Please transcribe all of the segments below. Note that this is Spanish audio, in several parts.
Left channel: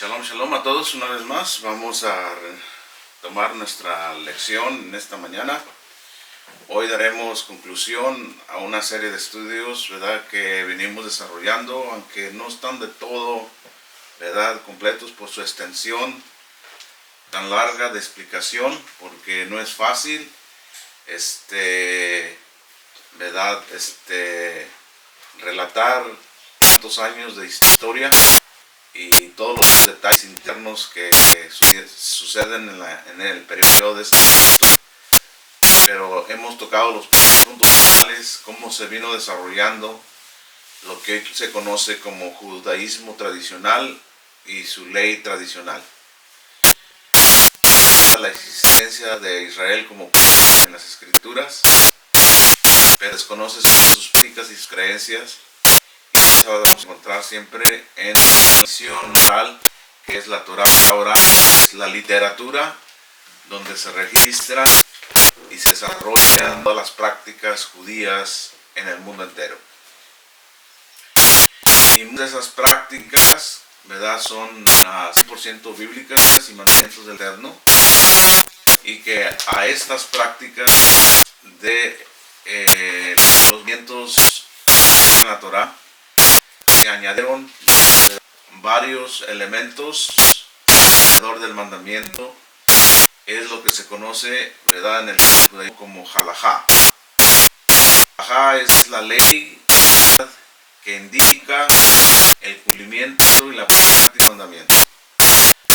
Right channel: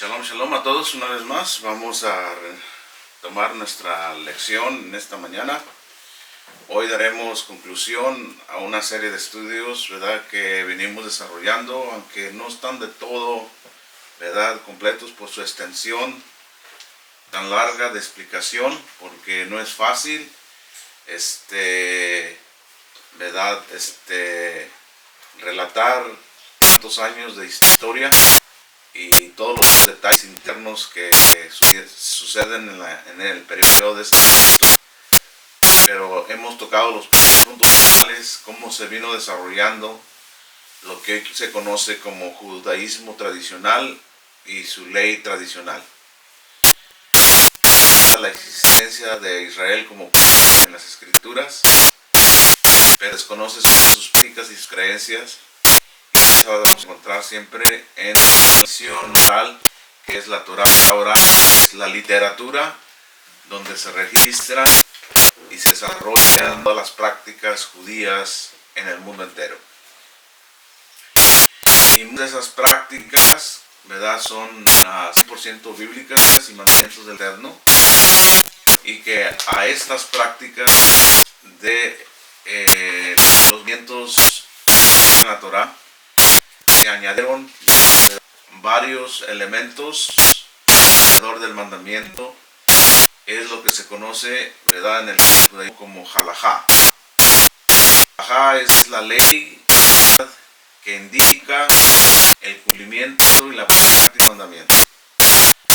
Shalom, shalom a todos una vez más. Vamos a tomar nuestra lección en esta mañana. Hoy daremos conclusión a una serie de estudios, ¿verdad?, que venimos desarrollando, aunque no están de todo, ¿verdad?, completos por su extensión tan larga de explicación, porque no es fácil, ¿verdad?, relatar tantos años de historia y todos los detalles internos que suceden en el periodo de ese momento. Pero hemos tocado los puntos finales, cómo se vino desarrollando lo que hoy se conoce como judaísmo tradicional y su ley tradicional. La existencia de Israel como pueblo en las escrituras, pero desconoce sus prácticas y sus creencias. Y eso vamos a encontrar siempre en la tradición oral, que es la Torah oral, es la literatura donde se registran y se desarrollan todas las prácticas judías en el mundo entero. Y muchas de esas prácticas, ¿verdad?, son 100% bíblicas y mandamientos del Eterno, y que a estas prácticas de los vientos en la Torah se añadieron varios elementos alrededor del mandamiento. Es lo que se conoce, ¿verdad?, en el judaísmo como halajá. Halajá es la ley que indica el cumplimiento y la práctica del mandamiento.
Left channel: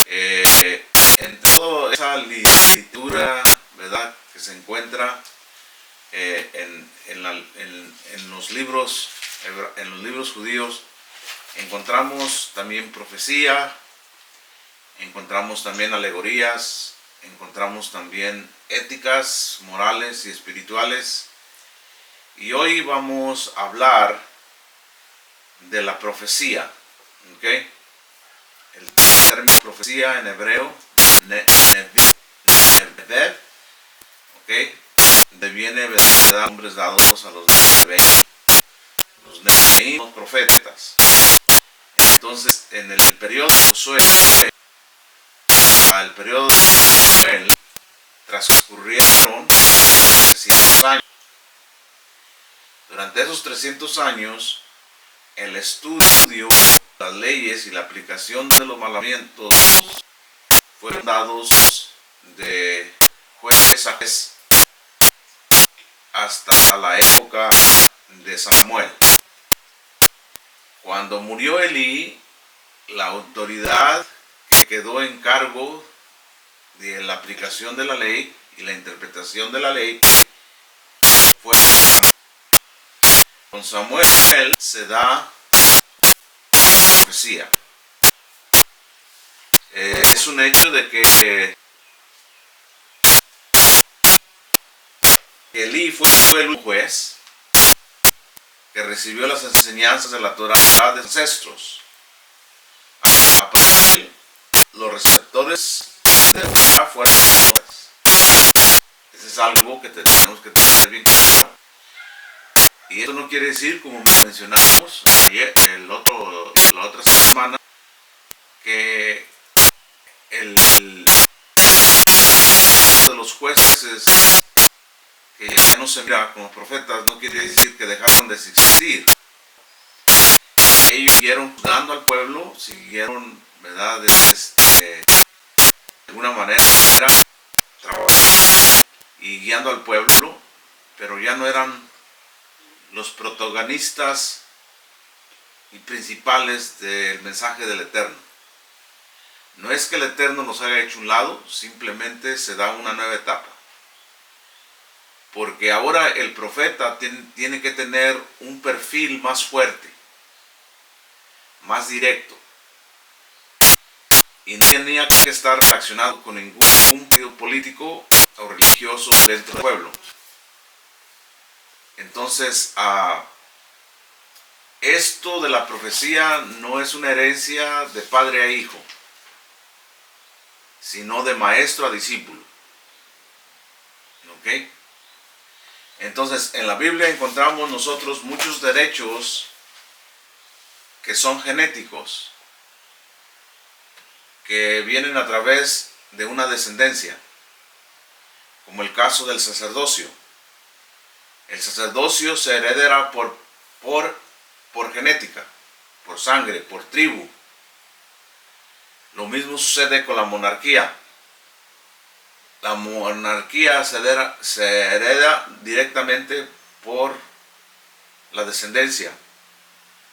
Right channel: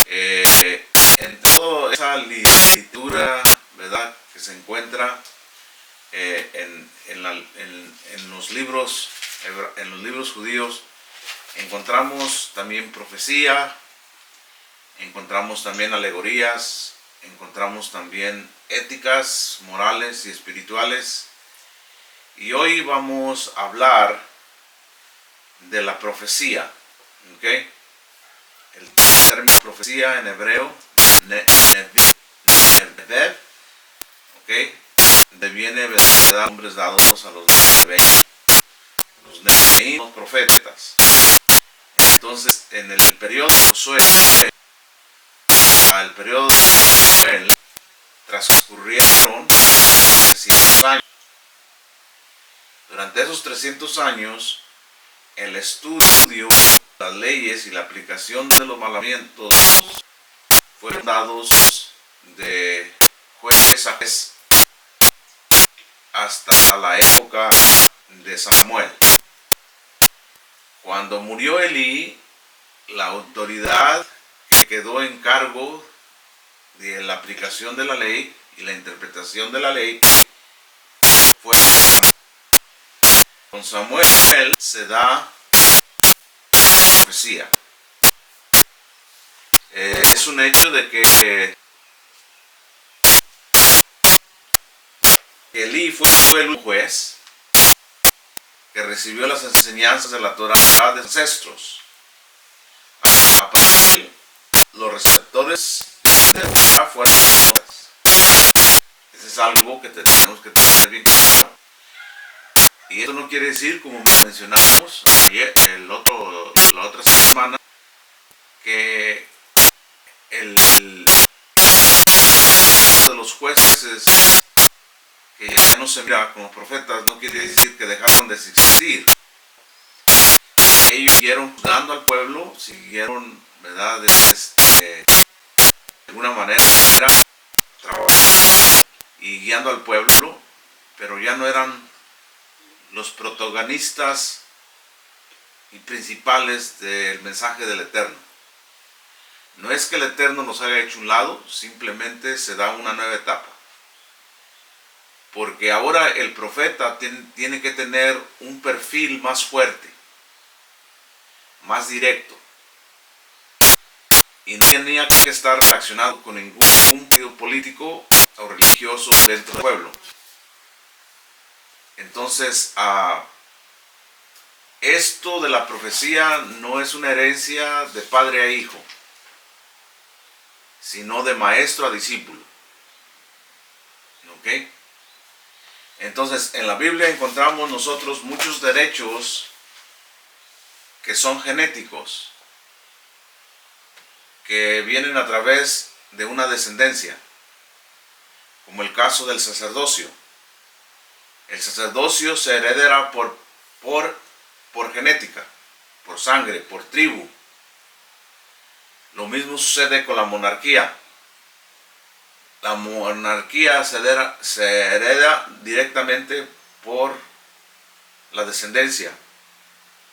En toda esa literatura, ¿verdad?, que se encuentra en los libros judíos, encontramos también profecía, encontramos también alegorías, encontramos también éticas, morales y espirituales. Y hoy vamos a hablar de la profecía, ¿ok? El término profecía en hebreo, nevev, ¿ok?, deviene de nombres dados a los neveim, los neveim, los profetas. Entonces, en el periodo de Josué, al periodo de Josué, transcurrieron 300 años. Durante esos 300 años, el estudio, las leyes y la aplicación de los mandamientos fueron dados de juez a juez hasta la época de Samuel. Cuando murió Elí, la autoridad que quedó en cargo de la aplicación de la ley y la interpretación de la ley fue Samuel. Con Samuel se da la profecía. Es un hecho de que Elí fue el juez que recibió las enseñanzas de la Torah de sus ancestros. Aparte, los receptores de la Torah fueron los hombres. Eso es algo que tenemos que tener bien claro. Y eso no quiere decir, como mencionamos ayer, la otra semana, que el de los jueces que ya no se mira como profetas no quiere decir que dejaron de existir. Ellos siguieron juzgando al pueblo, siguieron, ¿verdad?, de alguna manera trabajando y guiando al pueblo, pero ya no eran los protagonistas y principales del mensaje del Eterno. No es que el Eterno nos haya hecho un lado, simplemente se da una nueva etapa. Porque ahora el profeta tiene que tener un perfil más fuerte, más directo. Y no tenía que estar relacionado con ningún partido político o religioso dentro del pueblo. Entonces, esto de la profecía no es una herencia de padre a hijo, sino de maestro a discípulo. ¿Ok? Entonces, en la Biblia encontramos nosotros muchos derechos que son genéticos. que vienen a través de una descendencia, como el caso del sacerdocio. El sacerdocio se hereda por genética, por sangre, por tribu. Lo mismo sucede con la monarquía. La monarquía se hereda directamente por la descendencia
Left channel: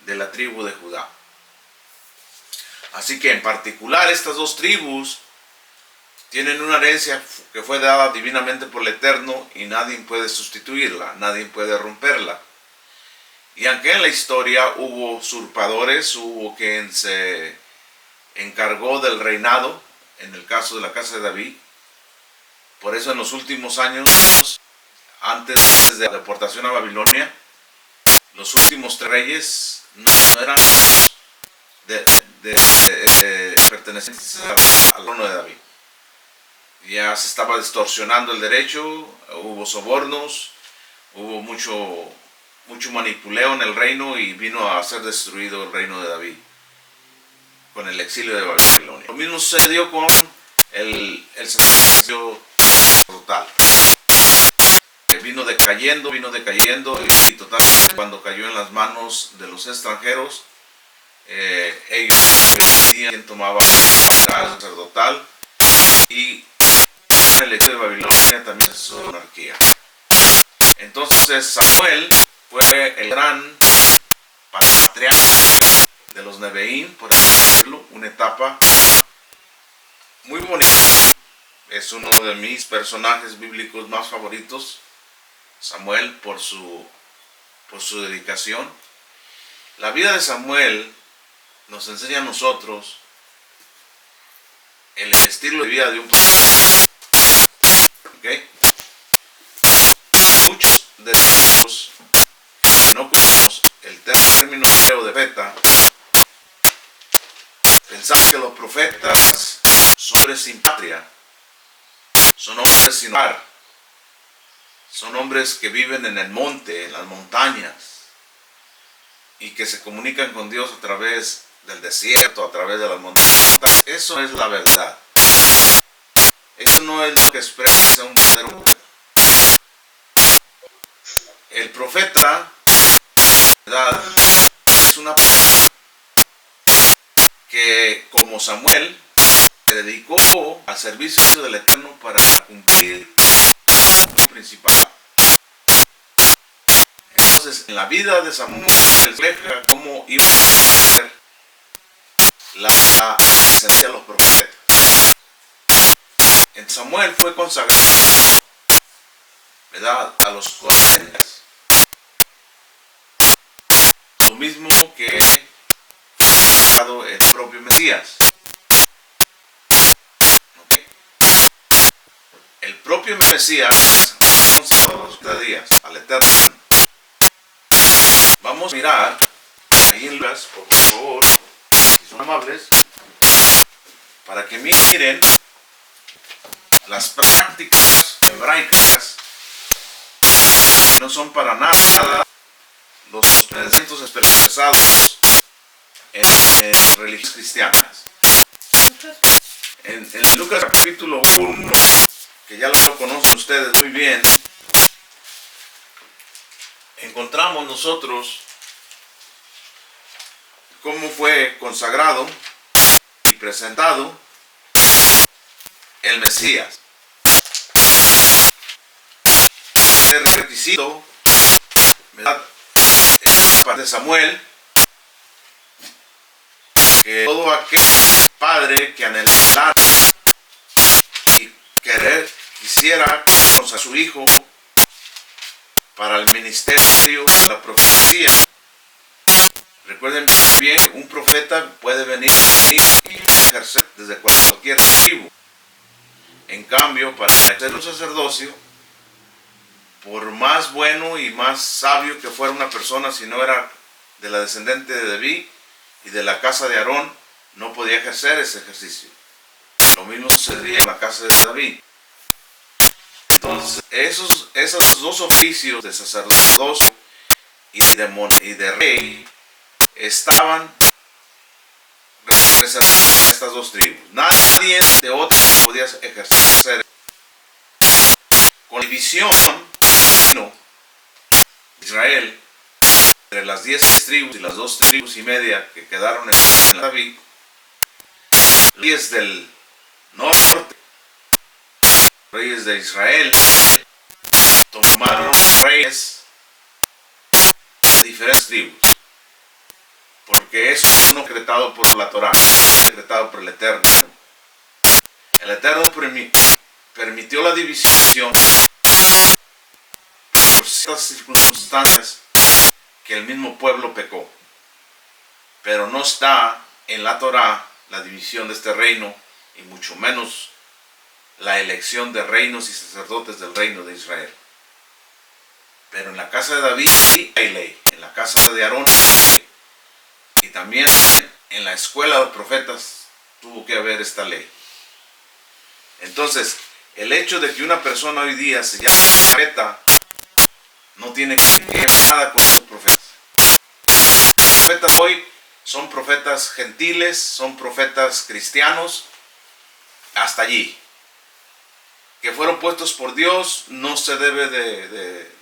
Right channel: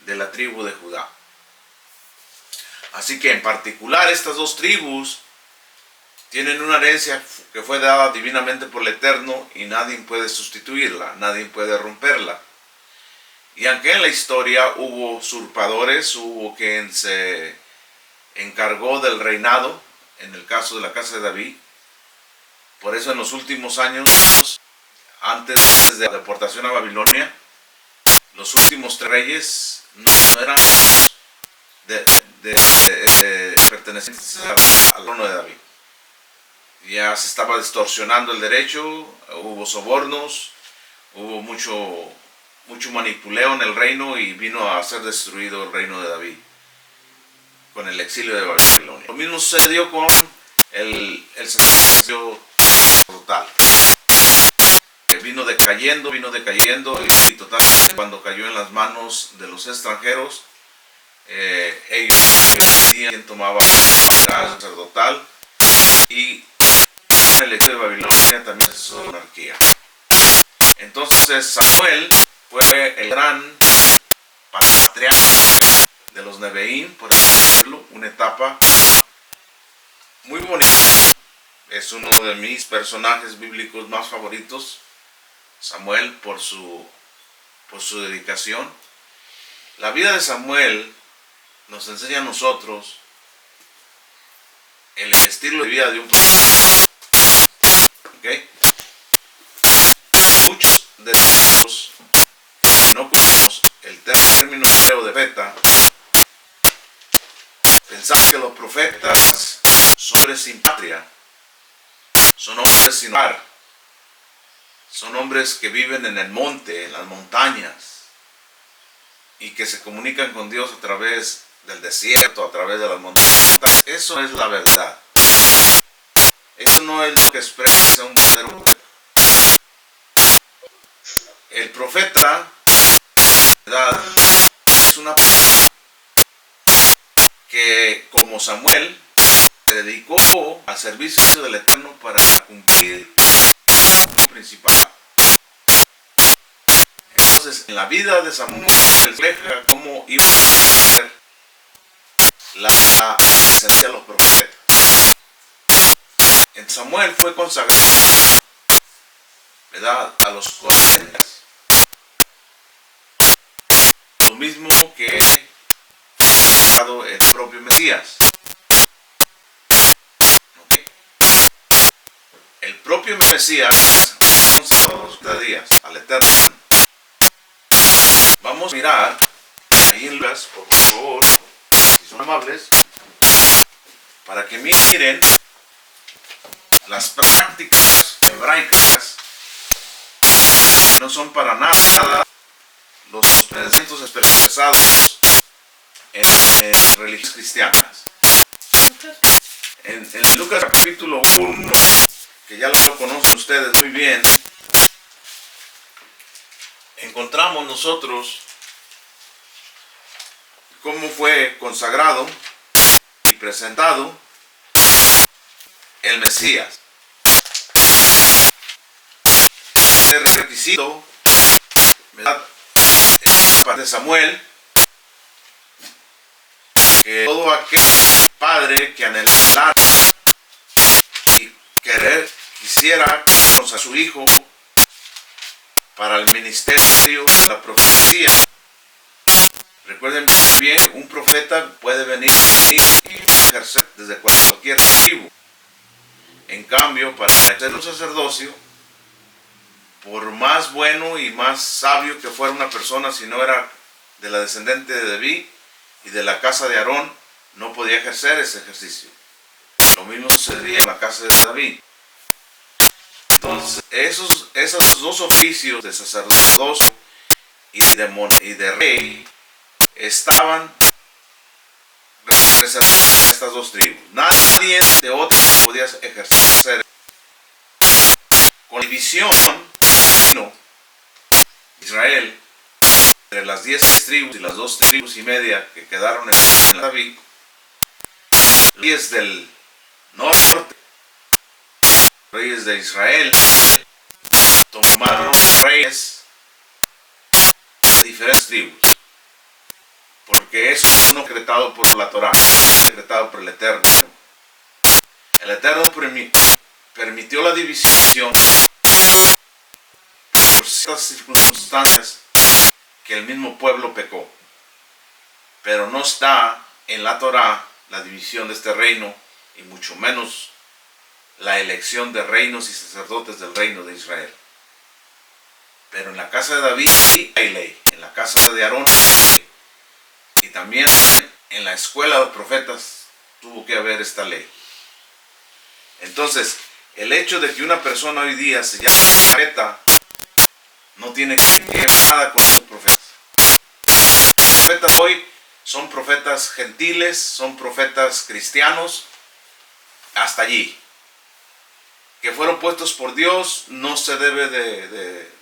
de la tribu de Judá. Así que en particular estas dos tribus tienen una herencia que fue dada divinamente por el Eterno y nadie puede sustituirla, nadie puede romperla. Y aunque en la historia hubo usurpadores, hubo quien se encargó del reinado, en el caso de la casa de David, por eso en los últimos años, antes de la deportación a Babilonia, los últimos 3 reyes no eran pertenecientes al trono de David. Ya se estaba distorsionando el derecho, hubo sobornos, hubo mucho manipuleo en el reino y vino a ser destruido el reino de David con el exilio de Babilonia. Lo mismo sucedió con el sacerdocio total. Vino decayendo y totalmente cuando cayó en las manos de los extranjeros, ellos decidían quién tomaba la sacerdotal y el exilio de Babilonia también es su monarquía. Entonces Samuel fue el gran patriarca de los Nebeín, por ejemplo, una etapa muy bonita. Es uno de mis personajes bíblicos más favoritos, Samuel, por su dedicación. La vida de Samuel nos enseña a nosotros el estilo de vida de un profeta. ¿Okay? Muchos de nosotros no conocemos el término hebreo de profeta. Pensamos que los profetas son hombres sin patria, son hombres sin hogar, son hombres que viven en el monte, en las montañas, y que se comunican con Dios a través del desierto, a través de las montañas. Eso es la verdad. Eso no es lo que expresa un verdadero profeta. El profeta, ¿verdad?, es una persona que, como Samuel, se dedicó al servicio del Eterno para cumplir el principal. Entonces, en la vida de Samuel refleja cómo iba a ser la esencia de los profetas. En Samuel fue consagrado, ¿verdad?, a los 40. Lo mismo que el propio Mesías. ¿Okay? El propio Mesías fue consagrado a los 40 días al Eterno. Vamos a mirar ahí en Lucas, por favor, si son amables, para que miren las prácticas hebraicas. No son para nada los pensamientos expresados en religiones cristianas. En Lucas capítulo 1, que ya lo conocen ustedes muy bien, encontramos nosotros cómo fue consagrado y presentado el Mesías. El requisito, ¿verdad?, de Samuel, que todo aquel padre que anhelara y quisiera consagrar a su hijo para el ministerio de la profecía. Recuerden bien, un profeta puede venir y ejercer desde cualquier tribu. En cambio, para ejercer un sacerdocio, por más bueno y más sabio que fuera una persona, si no era de la descendiente de David y de la casa de Aarón, no podía ejercer ese ejercicio. Lo mismo sucedía en la casa de David. Entonces, esos dos oficios de sacerdocio y de rey estaban estas dos tribus. Nadie de otras podía ejercer. Con la división de Israel entre las 10 tribus y las 2 tribus y media que quedaron en David, los reyes del norte, reyes de Israel, tomaron reyes de diferentes tribus, porque eso es no decretado por la Torah, decretado por el Eterno. El Eterno permitió la división por ciertas circunstancias que el mismo pueblo pecó, pero no está en la Torah la división de este reino, y mucho menos la elección de reinos y sacerdotes del reino de Israel. Pero en la casa de David hay ley, en la casa de Aarón hay ley, y también en la escuela de profetas tuvo que haber esta ley. Entonces, el hecho de que una persona hoy día se llame profeta no tiene que ver nada con los profetas. Los profetas hoy son profetas gentiles, son profetas cristianos, hasta allí. Que fueron puestos por Dios, no se debe de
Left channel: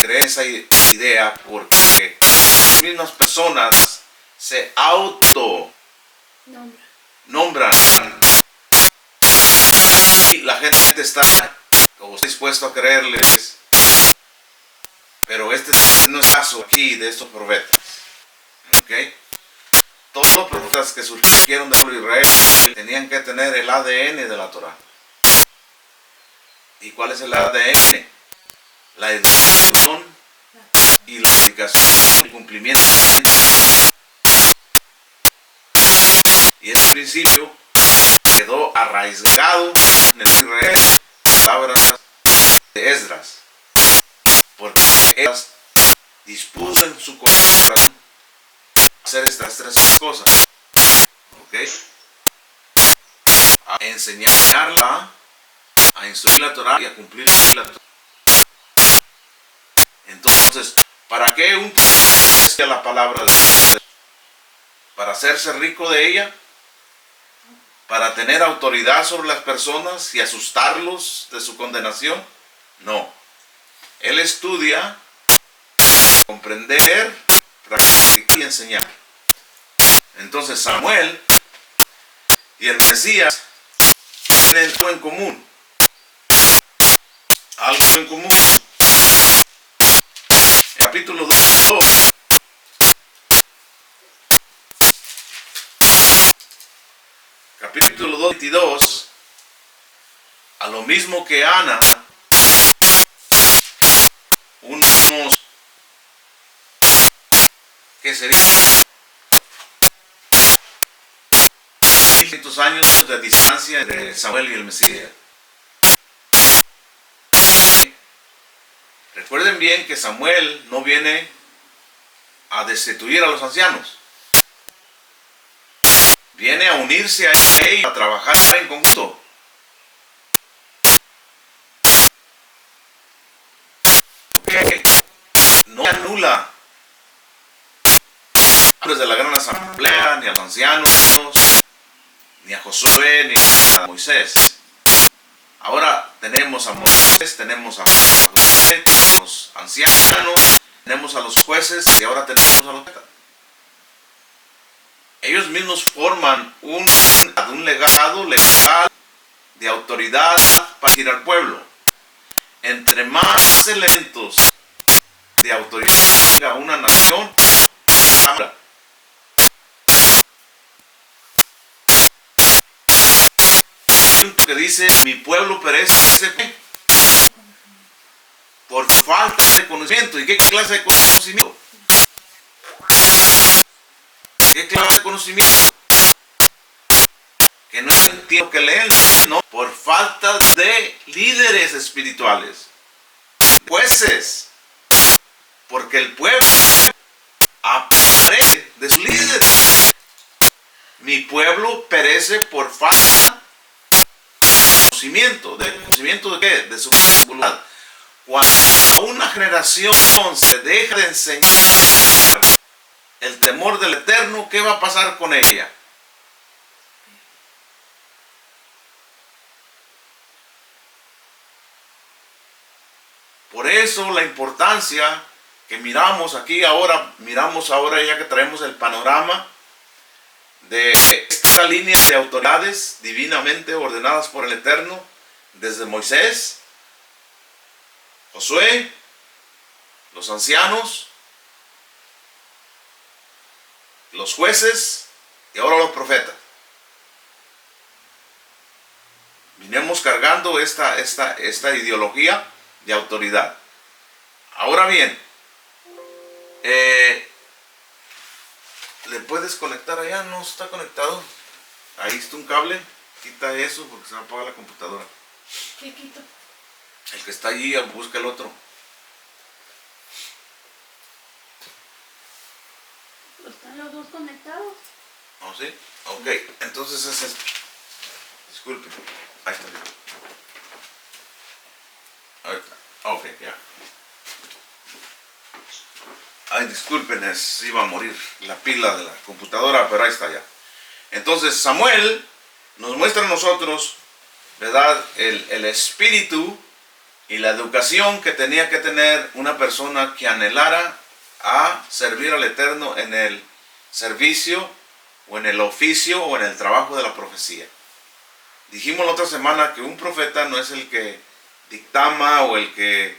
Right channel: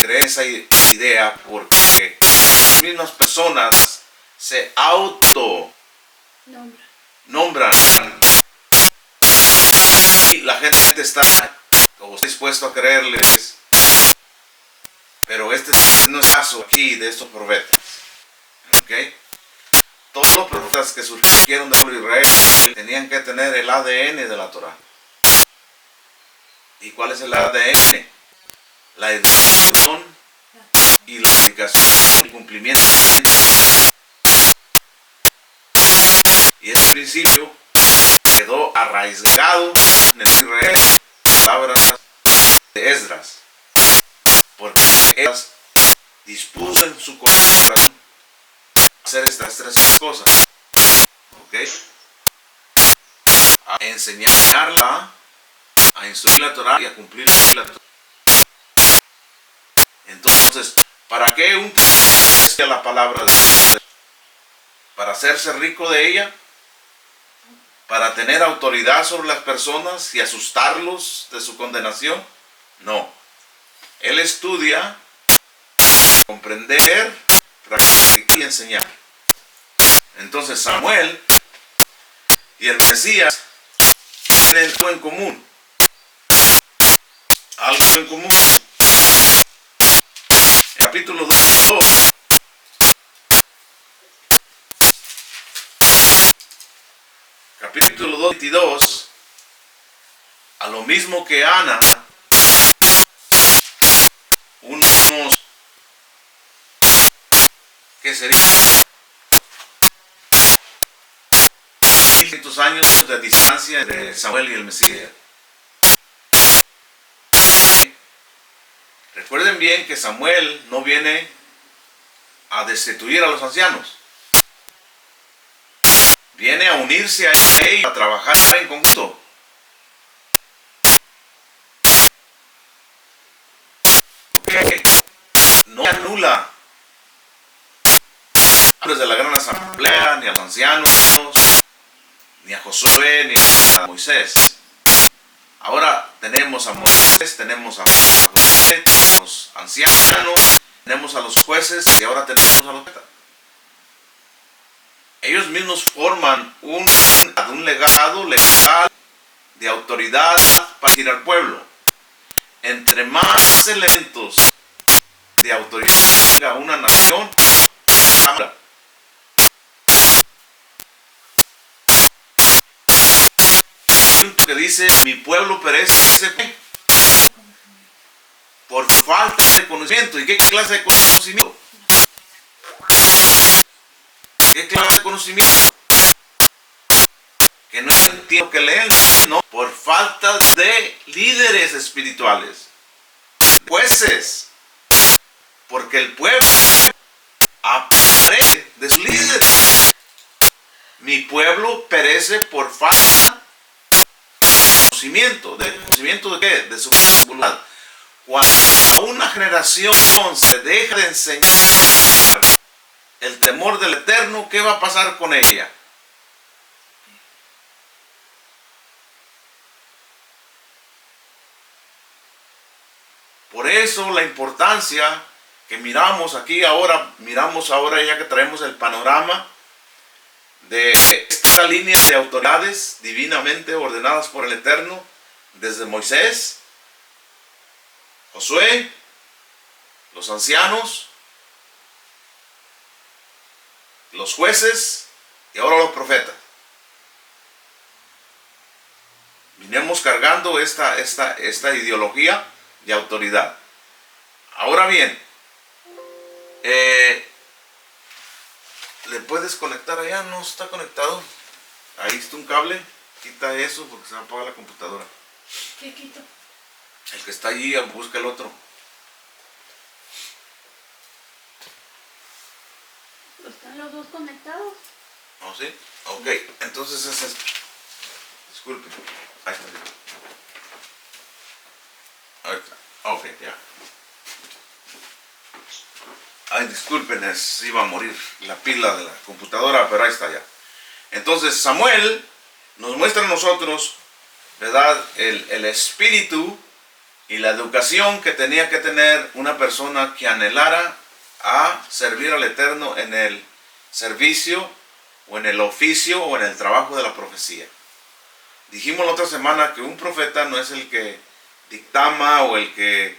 creer esa idea, porque las mismas personas se autonombran. Y la gente está dispuesta a creerles, pero este no es el caso aquí de estos profetas. ¿Okay? Todos los profetas que surgieron de Israel tenían que tener el ADN de la Torah. ¿Y cuál es el ADN? La educación y la aplicación y cumplimiento. Y ese principio quedó arraigado en el Israel, palabras de Esdras, porque Esdras dispuso en su corazón hacer estas 3 cosas, ¿ok? A enseñarla, a instruir la Torah y a cumplir la Torah. Entonces, ¿para qué un profeta la palabra de Dios? ¿Para hacerse rico de ella? ¿Para tener autoridad sobre las personas y asustarlos de su condenación? No. Él estudia, comprender, practicar y enseñar. Entonces Samuel y el Mesías tienen algo en común. Algo en común. Capítulo 2. Capítulo 2, 22. A lo mismo que Ana, unos que serían 1500 años de distancia entre Samuel y el Mesías. Recuerden bien que Samuel no viene a destituir a los ancianos. Viene a unirse a ellos, a trabajar en conjunto. Okay. No anula de la gran asamblea, ni a los ancianos, ni a Josué, ni a Moisés. Ahora tenemos a Moisés, tenemos a Josué, tenemos a los ancianos, tenemos a los jueces y ahora tenemos a los profetas. Ellos mismos forman un legado legal de autoridad para dirigir al pueblo. Entre más elementos de autoridad tenga una nación, que dice, mi pueblo perece por falta de conocimiento. ¿Y qué clase de conocimiento? ¿Qué clase de conocimiento? Que no entiendo que leen, no, por falta de líderes espirituales, jueces, porque el pueblo aparece de sus líderes. Mi pueblo perece por falta ¿de conocimiento de qué? De su voluntad. Cuando a una generación se deja de enseñar el temor del Eterno, ¿qué va a pasar con ella? Por eso la importancia que miramos ahora ya que traemos el panorama de esta línea de autoridades divinamente ordenadas por el Eterno, desde Moisés, Josué, los ancianos, los jueces y ahora los profetas. Vinimos cargando esta ideología de autoridad. Ahora bien, ¿le puedes conectar allá? No está conectado. Ahí está un cable. Quita eso porque se va a apagar la computadora. ¿Qué quito? El que está allí, busca el otro. ¿Están los dos conectados? ¿Oh, sí? Ok, entonces ese es... Disculpe. Ahí está. Ahí está. Ok, ya. Ay, disculpen, se iba a morir la pila de la computadora, pero ahí está ya. Entonces Samuel nos muestra a nosotros, ¿verdad?, el espíritu y la educación que tenía que tener una persona que anhelara a servir al Eterno en el servicio o en el oficio o en el trabajo de la profecía. Dijimos la otra semana que un profeta no es el que dictama o el que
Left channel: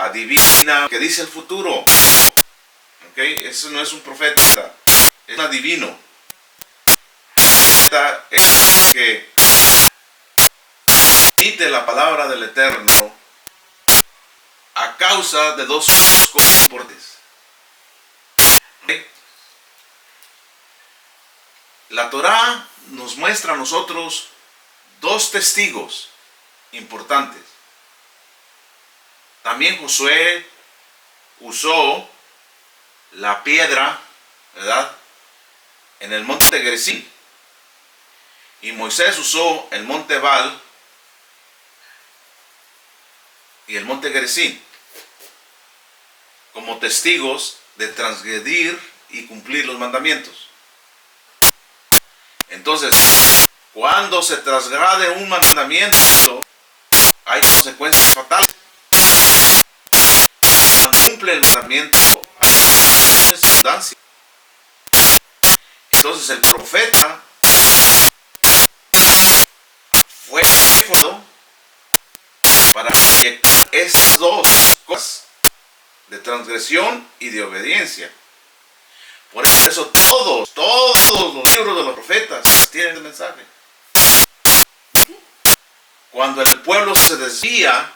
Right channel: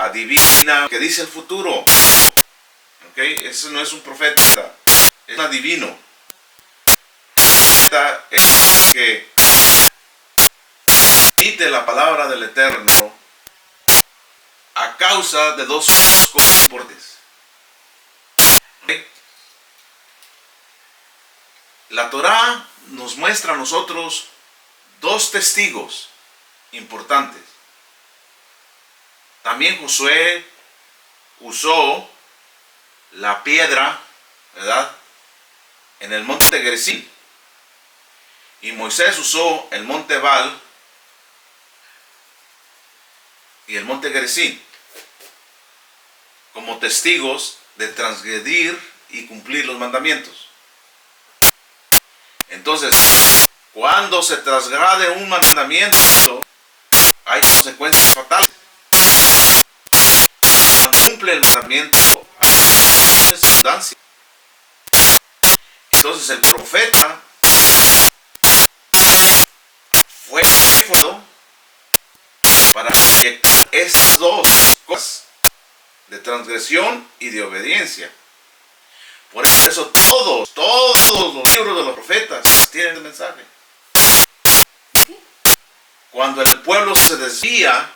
adivina, que dice el futuro. ¿Okay? Eso no es un profeta, es un adivino. Un profeta es el que emite la palabra del Eterno a causa de dos cosas importantes. ¿Okay? La Torá nos muestra a nosotros dos testigos importantes. También Josué usó la piedra, ¿verdad?, en el monte Gerizim. Y Moisés usó el monte Ebal y el monte Gerizim como testigos de transgredir y cumplir los mandamientos. Entonces, cuando se transgrade un mandamiento, hay consecuencias fatales. Cuando cumple el mandamiento, hay circunstancia. Entonces el profeta fue formado para proyectar estas dos cosas, de transgresión y de obediencia. Por eso todos los libros de los profetas tienen el mensaje. Cuando el pueblo se desvía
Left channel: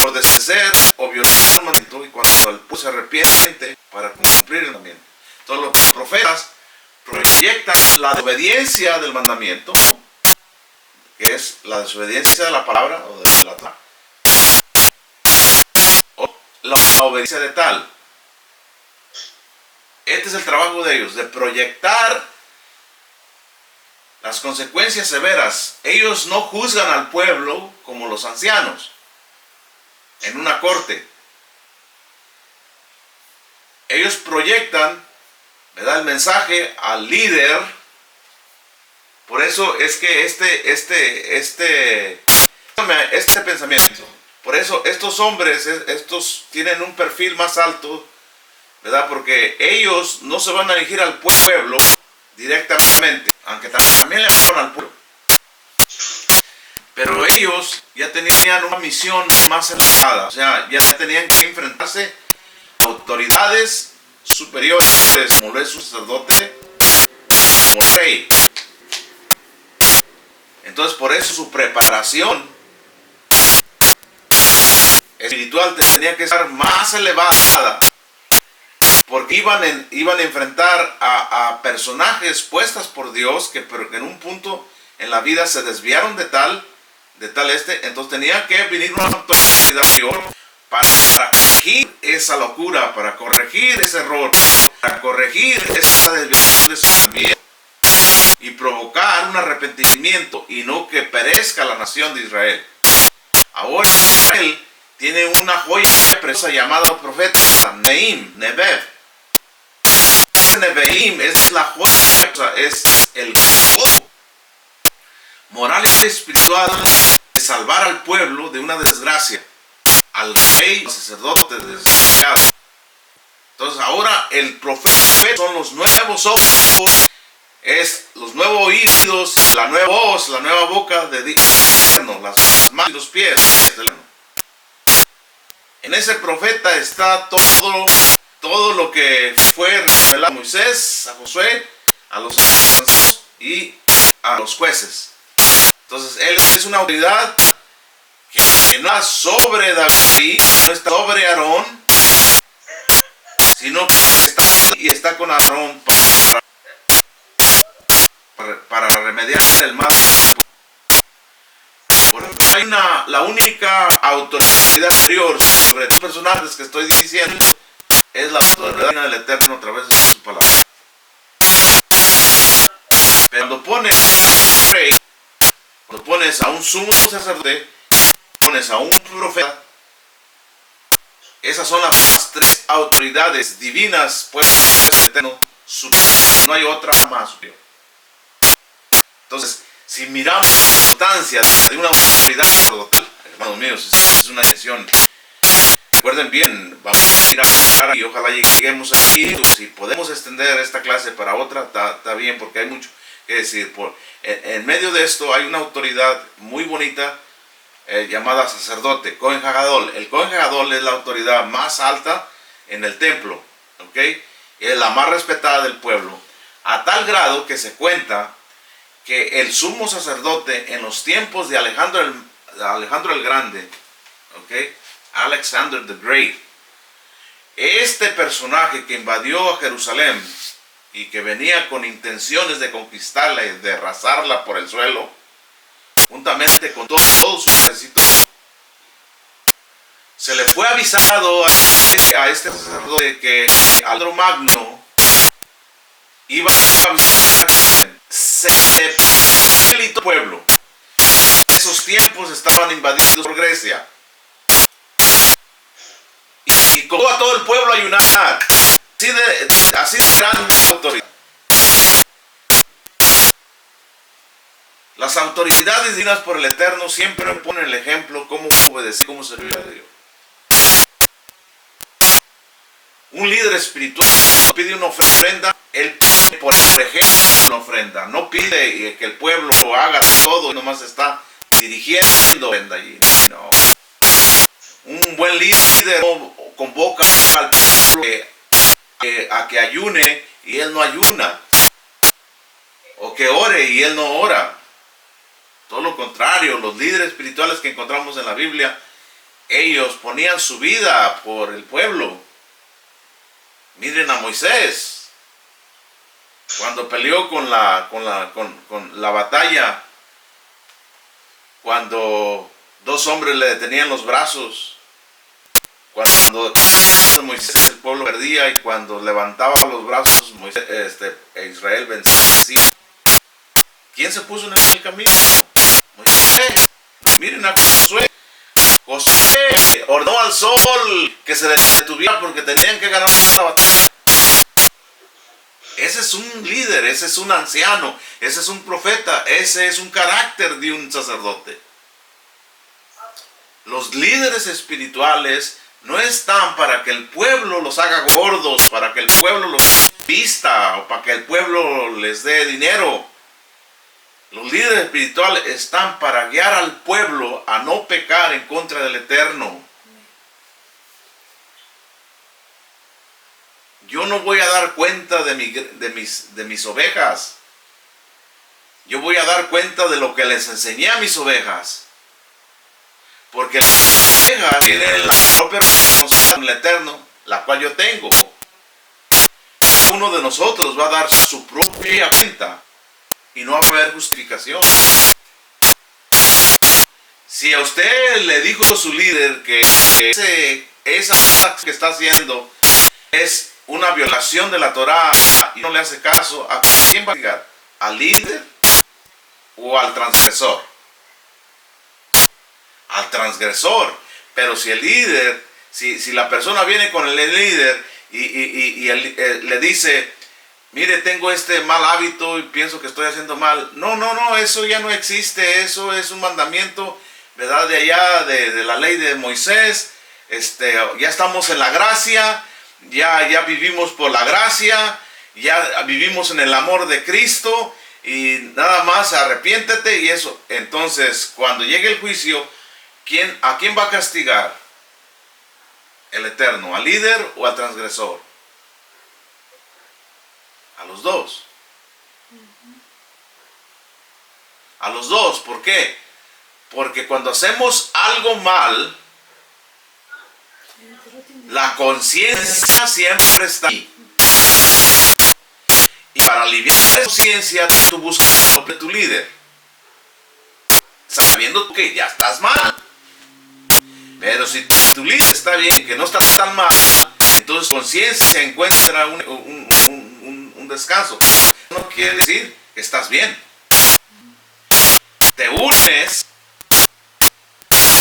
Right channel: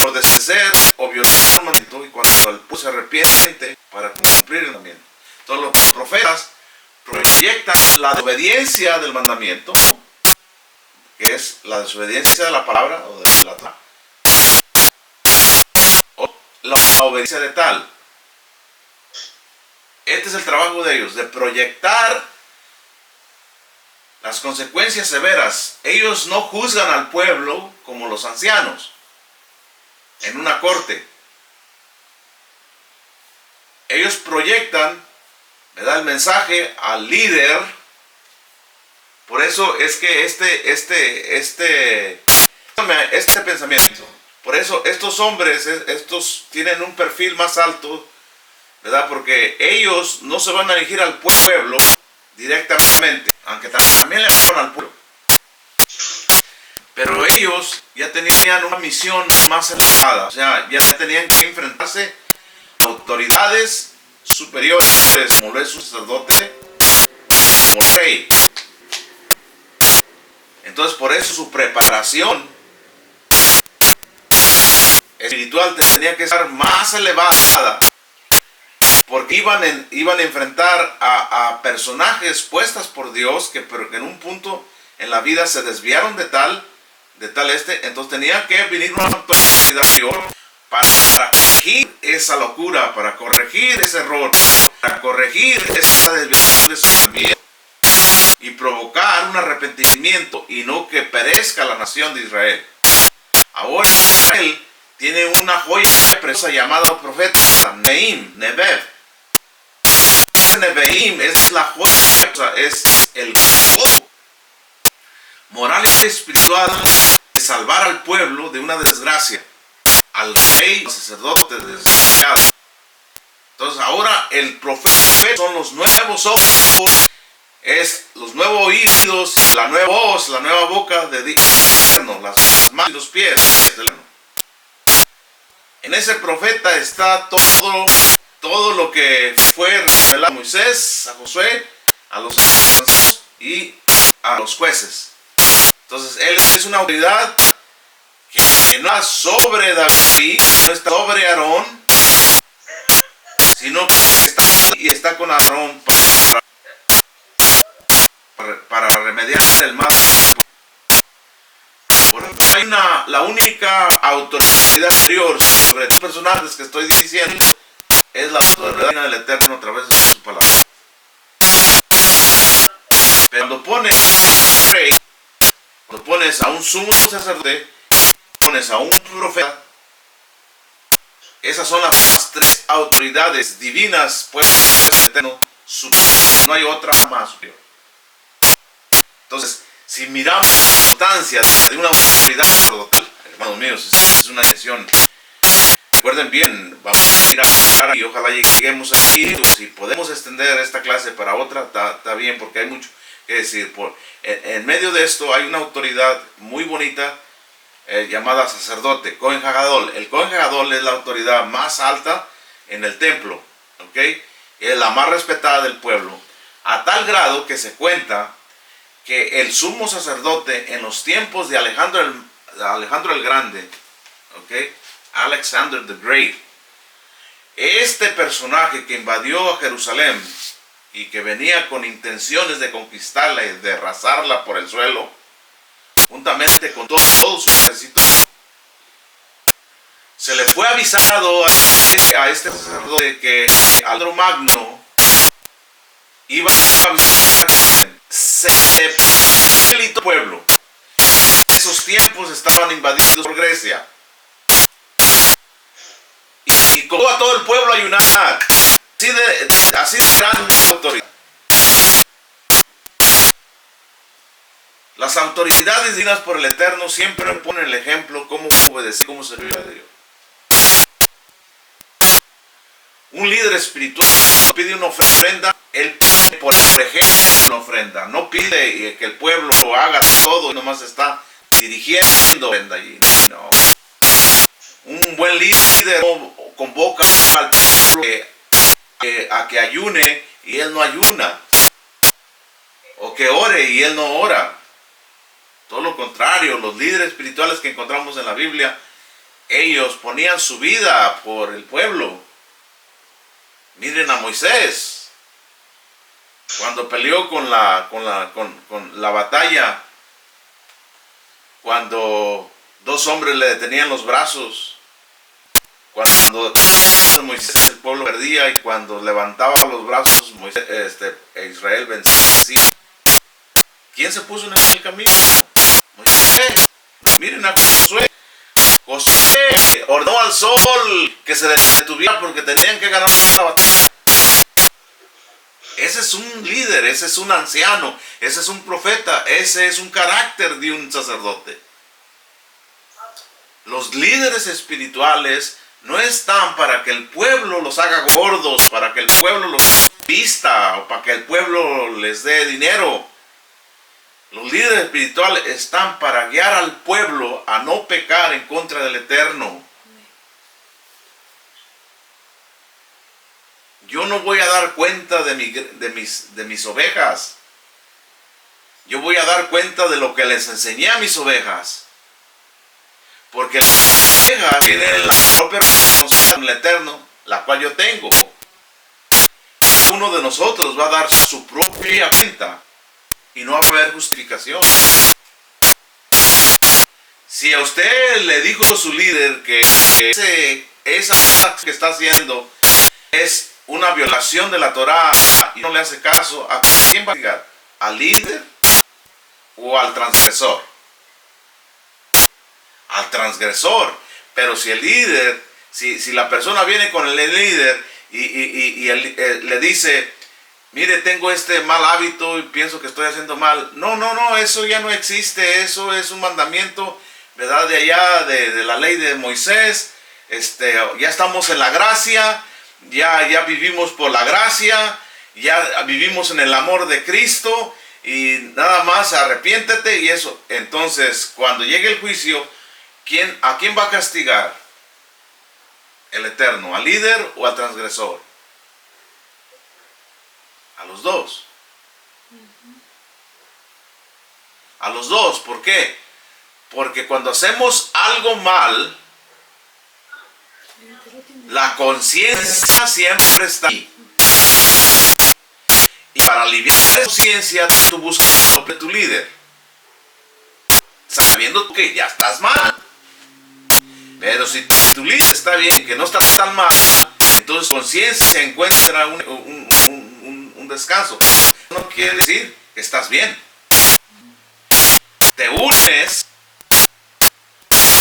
por desobedecer o violar el mandamiento, y cuando el pueblo se arrepiente para cumplir el mandamiento. Entonces los profetas proyectan la desobediencia del mandamiento, que es la desobediencia de la palabra o de la Torá, o la obediencia de tal. Este es el trabajo de ellos, de proyectar las consecuencias severas. Ellos no juzgan al pueblo como los ancianos en una corte. Ellos proyectan, ¿verdad?, el mensaje al líder. Por eso es que este pensamiento, por eso estos hombres, estos tienen un perfil más alto, ¿verdad?, porque ellos no se van a dirigir al pueblo directamente, aunque también le hablaron al pueblo. Pero ellos ya tenían una misión más elevada, o sea, ya tenían que enfrentarse a autoridades superiores, como lo es un sacerdote, como el rey. Entonces, por eso su preparación espiritual tenía que estar más elevada, porque iban a enfrentar a personajes puestas por Dios, pero que en un punto en la vida se desviaron de tal, entonces tenía que venir una autoridad mayor para corregir esa locura, para corregir ese error, para corregir esa desviación de su vida y provocar un arrepentimiento y no que perezca la nación de Israel. Ahora Israel tiene una joya preciosa llamada profeta Nebev, Nevi'im es la joya, es el moral y espiritual de salvar al pueblo de una desgracia, al rey, al sacerdote desgraciado. Entonces ahora el profeta son los nuevos ojos, es los nuevos oídos, la nueva voz, la nueva boca de Dios, las manos y los pies. En ese profeta está todo lo que fue revelado a Moisés, a Josué, a los ancianos y a los jueces. Entonces él es una autoridad que no está sobre David, no está sobre Aarón, sino que está con Aarón para remediar el mal. Por ejemplo, hay la única autoridad superior sobre los personajes que estoy diciendo es la autoridad del Eterno a través de su palabra. Pero cuando pones a un rey, cuando pones a un sumo sacerdote, pones a un profeta, esas son las tres autoridades divinas puestas en el Eterno superior. No hay otra más superior. Entonces, si miramos la importancia de una autoridad sacerdotal, hermanos míos, es una decisión. Recuerden bien, vamos a ir a y ojalá lleguemos aquí. Si podemos extender esta clase para otra, está bien, porque hay mucho que decir. En medio de esto hay una autoridad muy bonita llamada sacerdote, Cohen Hagadol. El Cohen Hagadol es la autoridad más alta en el templo, ¿ok? Es la más respetada del pueblo, a tal grado que se cuenta que el sumo sacerdote en los tiempos de Alejandro el Grande, ¿ok? Alexander the Great, este personaje que invadió a Jerusalén y que venía con intenciones de conquistarla y de arrasarla por el suelo, juntamente con todo su ejército, se le fue avisado a este sacerdote que Alejandro Magno iba a visitar el pueblo. En esos tiempos estaban invadidos por Grecia. Y colocó a todo el pueblo a ayunar. Así de gran autoridad. Las autoridades divinas por el Eterno siempre ponen el ejemplo cómo obedecer, cómo servir a Dios. Un líder espiritual pide una ofrenda, él pide por ejemplo una ofrenda. No pide que el pueblo lo haga todo y nomás está dirigiendo allí. No. Un buen líder convoca al pueblo a que ayune y él no ayuna, o que ore y él no ora. Todo lo contrario, los líderes espirituales que encontramos en la Biblia, ellos ponían su vida por el pueblo. Miren a Moisés, cuando peleó con la batalla, cuando dos hombres le detenían los brazos, cuando Moisés el pueblo perdía y cuando levantaba los brazos Israel vencía. ¿Quién se puso en el camino? Moisés. Miren a Josué. Josué ordenó al sol que se detuviera porque tenían que ganar la batalla. Ese es un líder, ese es un anciano, ese es un profeta, ese es un carácter de un sacerdote. Los líderes espirituales no están para que el pueblo los haga gordos, para que el pueblo los vista o para que el pueblo les dé dinero. Los líderes espirituales están para guiar al pueblo a no pecar en contra del Eterno. Yo no voy a dar cuenta de mis ovejas. Yo voy a dar cuenta de lo que les enseñé a mis ovejas. Porque las ovejas tienen la propia responsabilidad con el Eterno, la cual yo tengo. Uno de nosotros va a dar su propia cuenta y no va a haber justificación. Si a usted le dijo su líder que esa cosa que está haciendo es una violación de la Torá y no le hace caso, ¿a quién va a llegar? ¿Al líder o al transgresor? Al transgresor. Pero si el líder, si la persona viene con el líder y le dice, mire, tengo este mal hábito y pienso que estoy haciendo mal. No, eso ya no existe. Eso es un mandamiento, ¿verdad? De allá, de la ley de Moisés. Ya estamos en la gracia, ya vivimos por la gracia, ya vivimos en el amor de Cristo y nada más arrepiéntete y eso. Entonces, cuando llegue el juicio, ¿a quién va a castigar? El Eterno, ¿al líder o al transgresor? A los dos. A los dos. ¿Por qué? Porque cuando hacemos algo mal, la conciencia siempre está ahí. Y para aliviar la conciencia, tú buscas sobre tu líder, sabiendo que ya estás mal. Pero si tu líder está bien, que no está tan mal, entonces conciencia encuentra un descanso. No quiere decir que estás bien. Te unes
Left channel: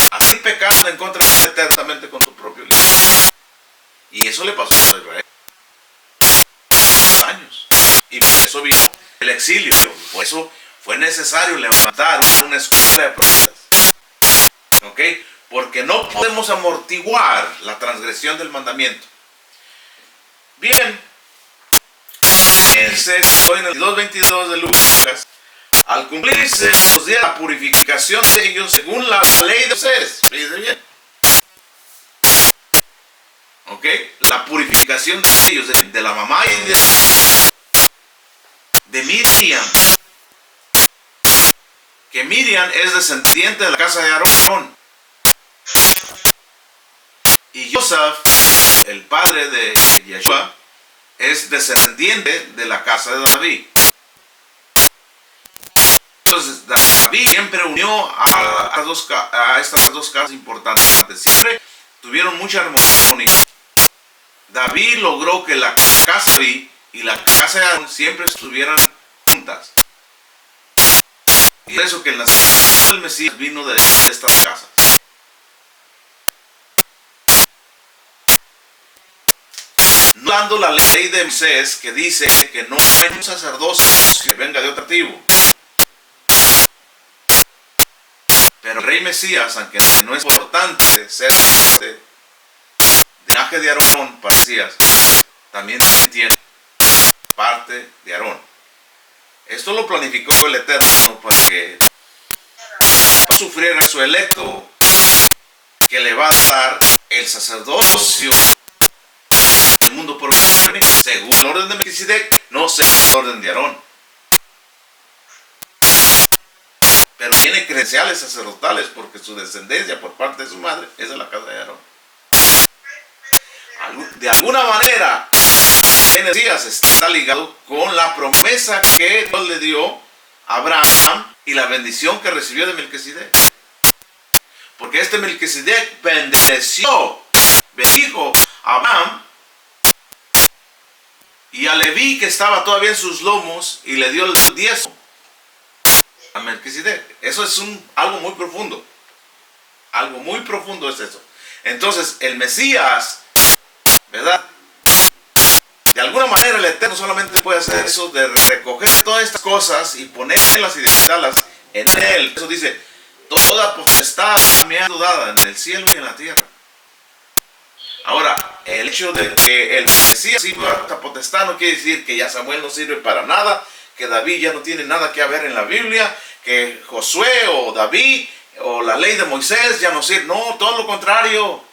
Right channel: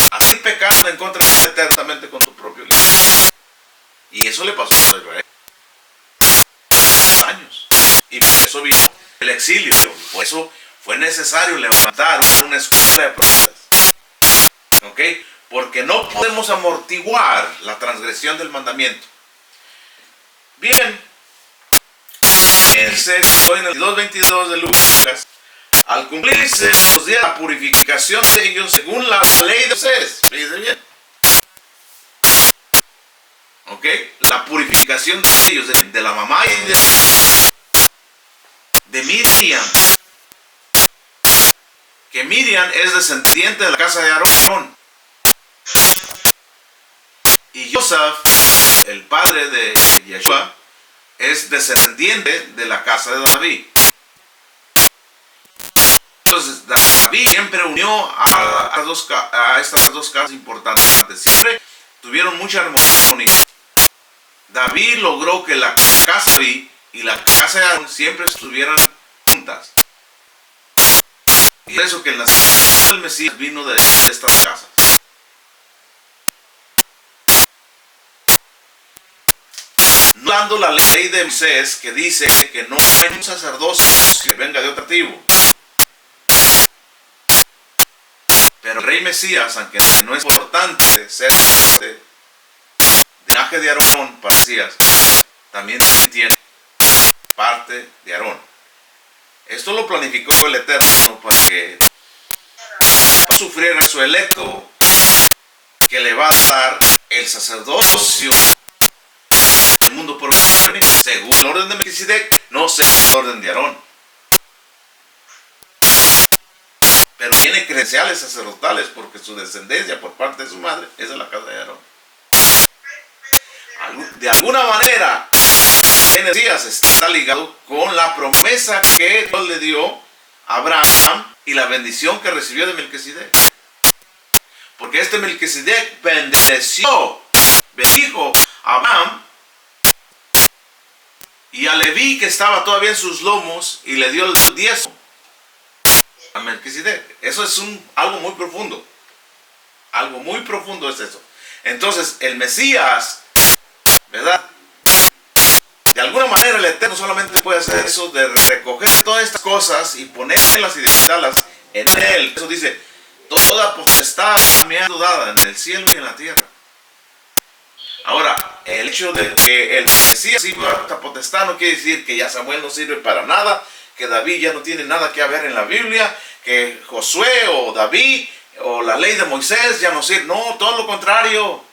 a hacer pecado en contra eternamente con tu propio líder. Y eso le pasó a Israel. Años. Y por eso vino el exilio. Por eso fue necesario levantar una escuela de profetas. ¿Ok? Porque no podemos amortiguar la transgresión del mandamiento. Bien. En el 22:22 de Lucas, al cumplirse los días de la purificación de ellos según la ley de Moisés. Fíjense bien. ¿Ok? La purificación de ellos, de la mamá y de Miriam. Que Miriam es descendiente de la casa de Aarón. Y Joseph, el padre de Yeshua, es descendiente de la casa de David. Entonces David siempre unió a estas dos casas importantes. Siempre tuvieron mucha armonía. David logró que la casa de David y la casa de Aarón siempre estuvieran juntas. Y por eso que el nacimiento del Mesías vino de estas casas. No dando la ley de Moisés que dice que no hay un sacerdocio que venga de otra tribu. Pero el rey Mesías, aunque no es importante ser de linaje de Aarón para Mesías, también tiene parte de Aarón. Esto lo planificó el Eterno para que no sufriera su electo, que le va a dar el sacerdocio del mundo por venir, según el orden de Melquisedec, no según el orden de Aarón. Pero tiene credenciales sacerdotales porque su descendencia por parte de su madre es de la casa de Aarón. De alguna manera, el Mesías está ligado con la promesa que Dios le dio a Abraham y la bendición que recibió de Melquisedec. Porque este Melquisedec bendijo a Abraham y a Leví, que estaba todavía en sus lomos, y le dio el diezmo a Melquisedec. Eso es algo muy profundo. Algo muy profundo es eso. Entonces, el Mesías, ¿verdad? De alguna manera el Eterno solamente puede hacer eso, de recoger todas estas cosas y ponerlas y depositarlas en Él. Eso dice, toda potestad me ha sido dada en el cielo y en la tierra. Ahora, el hecho de que el Mesías sirva esta potestad no quiere decir que ya Samuel no sirve para nada, que David ya no tiene nada que ver en la Biblia, que Josué o David o la ley de Moisés ya no sirve. No, todo lo contrario.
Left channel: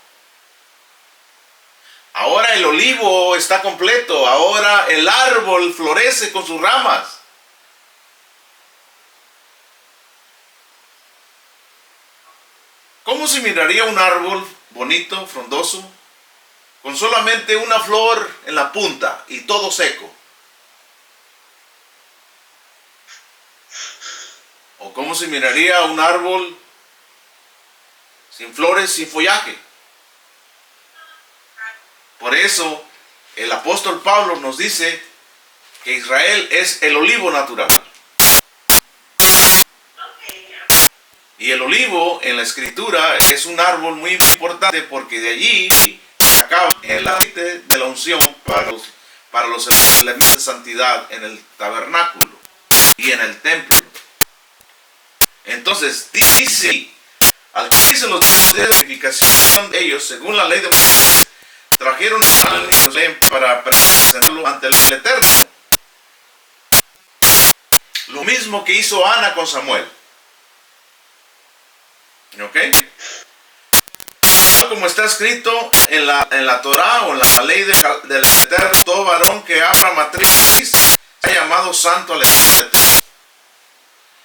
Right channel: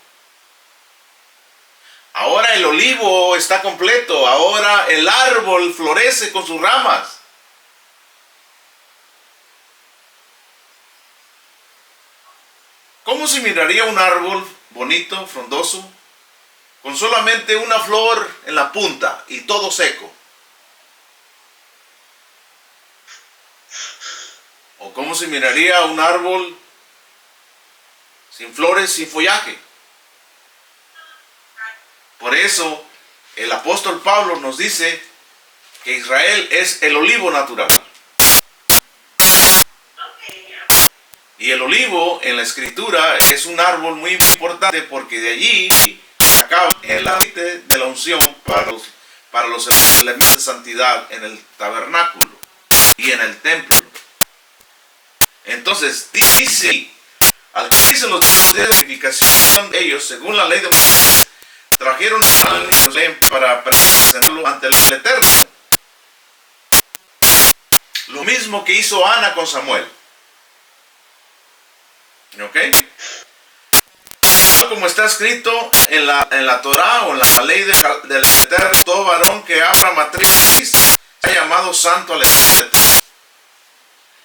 Ahora el olivo está completo, ahora el árbol florece con sus ramas. ¿Cómo se miraría un árbol bonito, frondoso, con solamente una flor en la punta y todo seco? ¿O cómo se miraría un árbol sin flores, sin follaje? Por eso el apóstol Pablo nos dice que Israel es el olivo natural. Y el olivo en la escritura es un árbol muy importante porque de allí se acaba el aceite de la unción para los elementos de santidad en el tabernáculo y en el templo. Entonces dice, al cumplirse los días de purificación de ellos, según la ley de Moisés, trajeron al niño para presentarlo ante el Eterno. Lo mismo que hizo Ana con Samuel. ¿Ok? Tal como está escrito en la Torá o en la ley del Eterno, todo varón que abra matriz ha llamado santo al Eterno.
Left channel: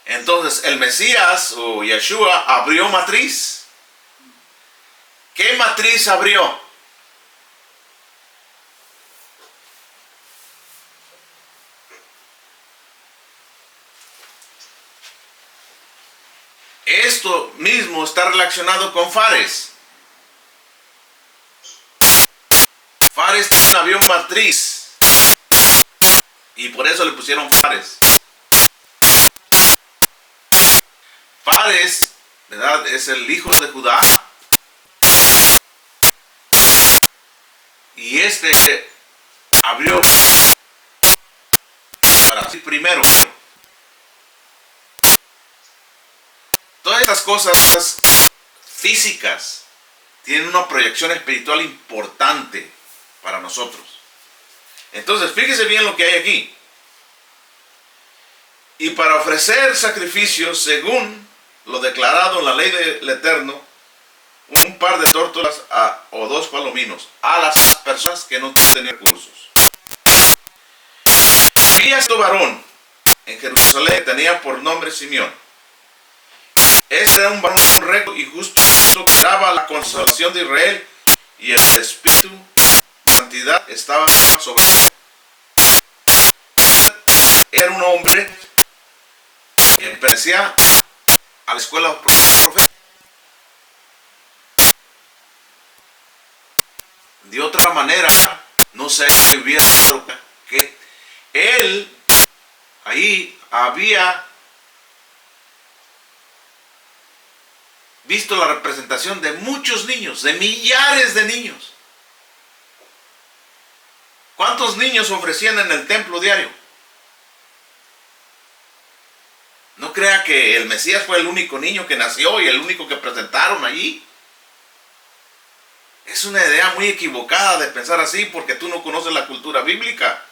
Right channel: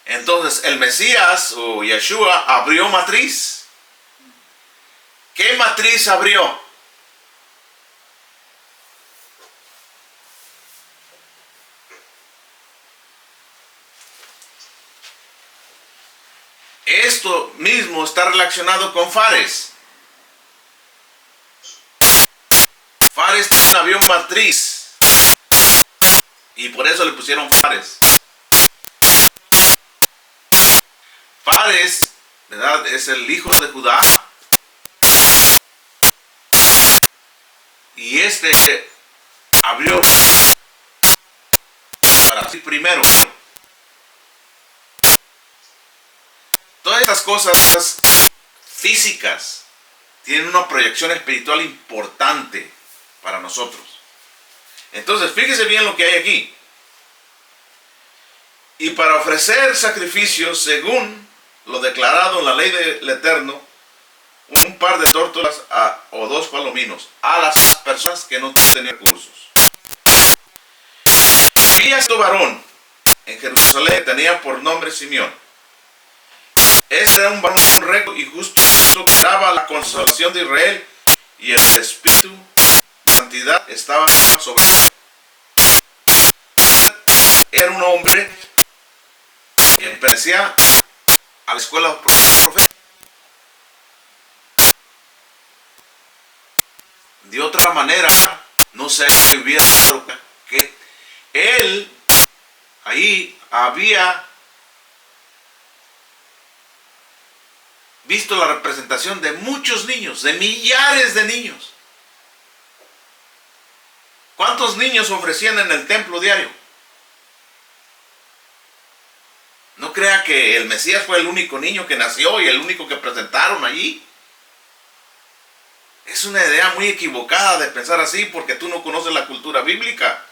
Entonces el Mesías o Yeshua abrió matriz. ¿Qué matriz abrió? Esto mismo está relacionado con Fares. Fares también abrió matriz y por eso le pusieron Fares. Fares, ¿verdad?, es el hijo de Judá. Y este abrió para sí primero. Todas estas cosas físicas tienen una proyección espiritual importante para nosotros. Entonces, fíjese bien lo que hay aquí. Y para ofrecer sacrificios según lo declarado en la ley del Eterno, un par de tórtolas o 2 palominos a las personas que no tenían recursos. Había este varón en Jerusalén que tenía por nombre Simeón. Este era un varón recto y justo que daba la consolación de Israel, y el Espíritu de santidad estaba sobre él. Era un hombre que pertenecía a la escuela profética. De otra manera, no sé si hubiera que él ahí había visto la representación de muchos niños, de millares de niños. ¿Cuántos niños ofrecían en el templo diario? No crea que el Mesías fue el único niño que nació y el único que presentaron allí. Es una idea muy equivocada de pensar así porque tú no conoces la cultura bíblica.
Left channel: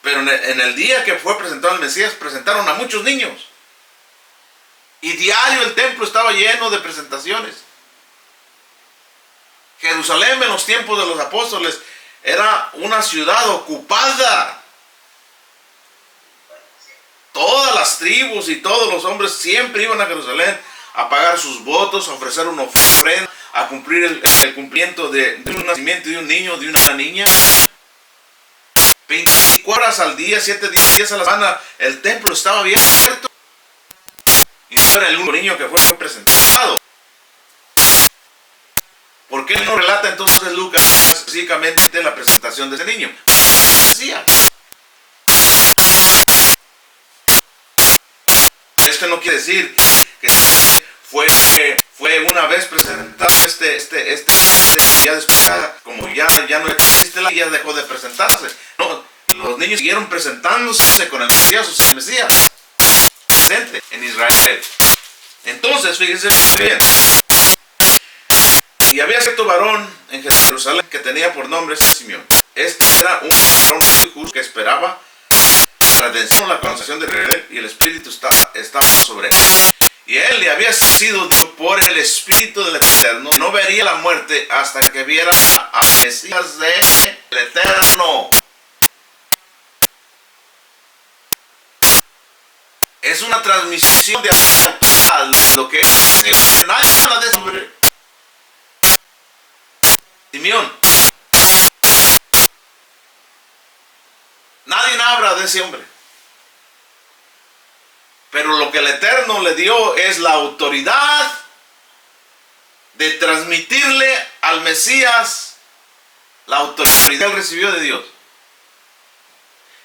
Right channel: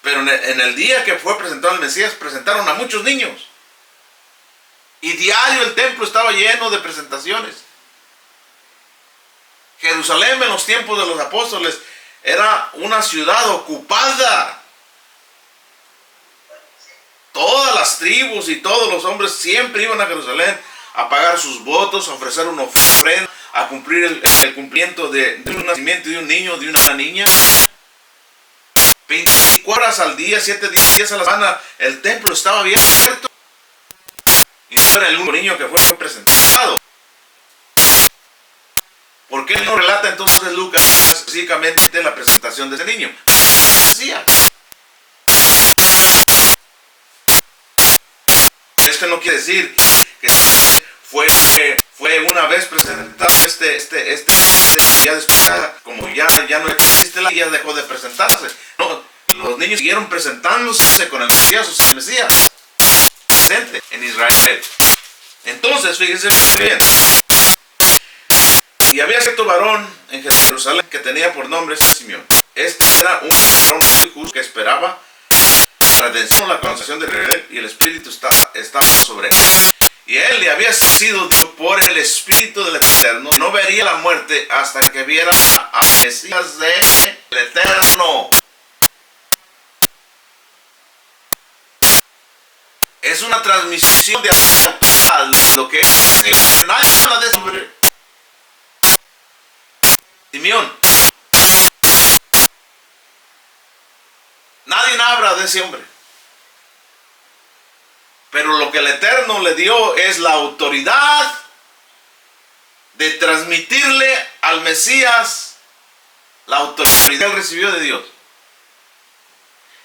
Pero en el día que fue presentado el Mesías, presentaron a muchos niños. Y diario el templo estaba lleno de presentaciones. Jerusalén en los tiempos de los apóstoles era una ciudad ocupada. Todas las tribus y todos los hombres siempre iban a Jerusalén a pagar sus votos, a ofrecer una ofrenda, a cumplir el cumplimiento de un nacimiento de un niño, de una niña. 24 horas al día, 7 días a la semana, el templo estaba abierto. Y no era el único niño que fue presentado. ¿Por qué no relata entonces Lucas específicamente la presentación de ese niño? Decía. Esto no quiere decir que fue una vez presentado ya después, como ya no existe ya dejó de presentarse. No, los niños siguieron presentándose con el Mesías, o sea, el Mesías presente en Israel. Entonces, fíjense bien. Y había cierto varón en Jerusalén que tenía por nombre Simeón. Este era un varón muy justo que esperaba la redención, la consolación de Israel, y el Espíritu estaba sobre él. Y él le había sido dicho por el Espíritu del Eterno que no vería la muerte hasta que viera al Mesías del Eterno. Es una transmisión de autoridad, lo que es. Nadie habla de eso, hombre. Simeón. Nadie habla de ese hombre. Pero lo que el Eterno le dio es la autoridad de transmitirle al Mesías la autoridad que él recibió de Dios.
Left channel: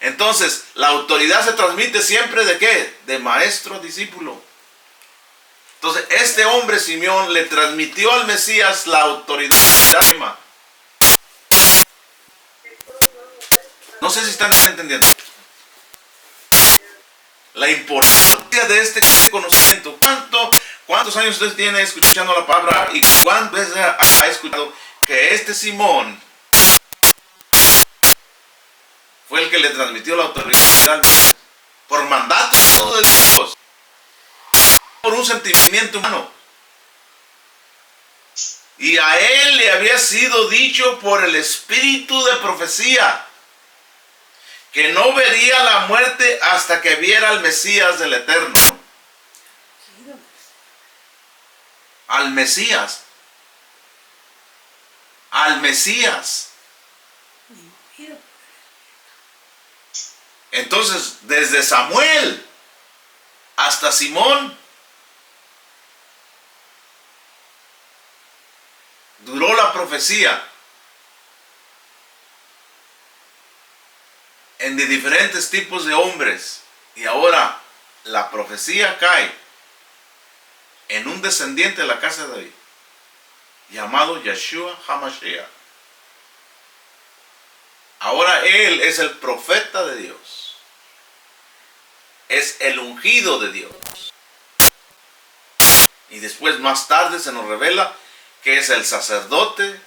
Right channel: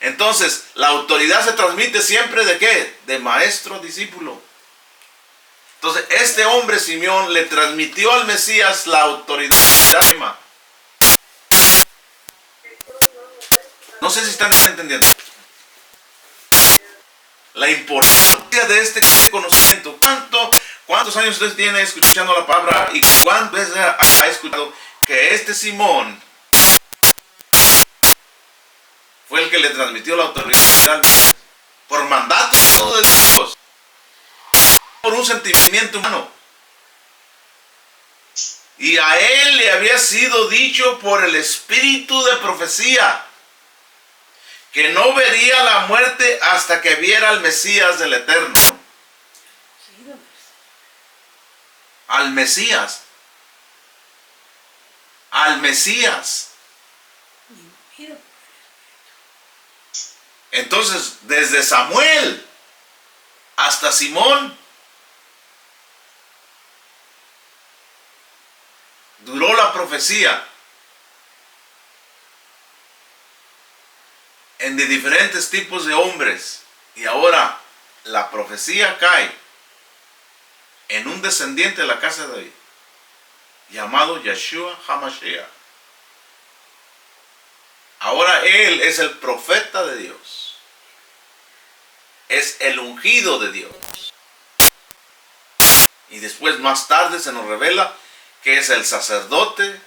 Entonces, la autoridad se transmite siempre ¿de qué? De maestro a discípulo. Entonces, este hombre Simeón le transmitió al Mesías la autoridad. No sé si están entendiendo. La importancia de este conocimiento. ¿Cuántos años usted tiene escuchando la palabra y cuántas veces ha escuchado que este Simón fue el que le transmitió la autoridad por mandato de Dios, por un sentimiento humano? Y a él le había sido dicho por el espíritu de profecía que no vería la muerte hasta que viera al Mesías del Eterno. Al Mesías. Al Mesías. Entonces, desde Samuel hasta Simón, duró la profecía en de diferentes tipos de hombres, y ahora la profecía cae en un descendiente de la casa de David llamado Yeshua HaMashiach. Ahora él es el profeta de Dios, es el ungido de Dios, y después más tarde se nos revela que es el sacerdote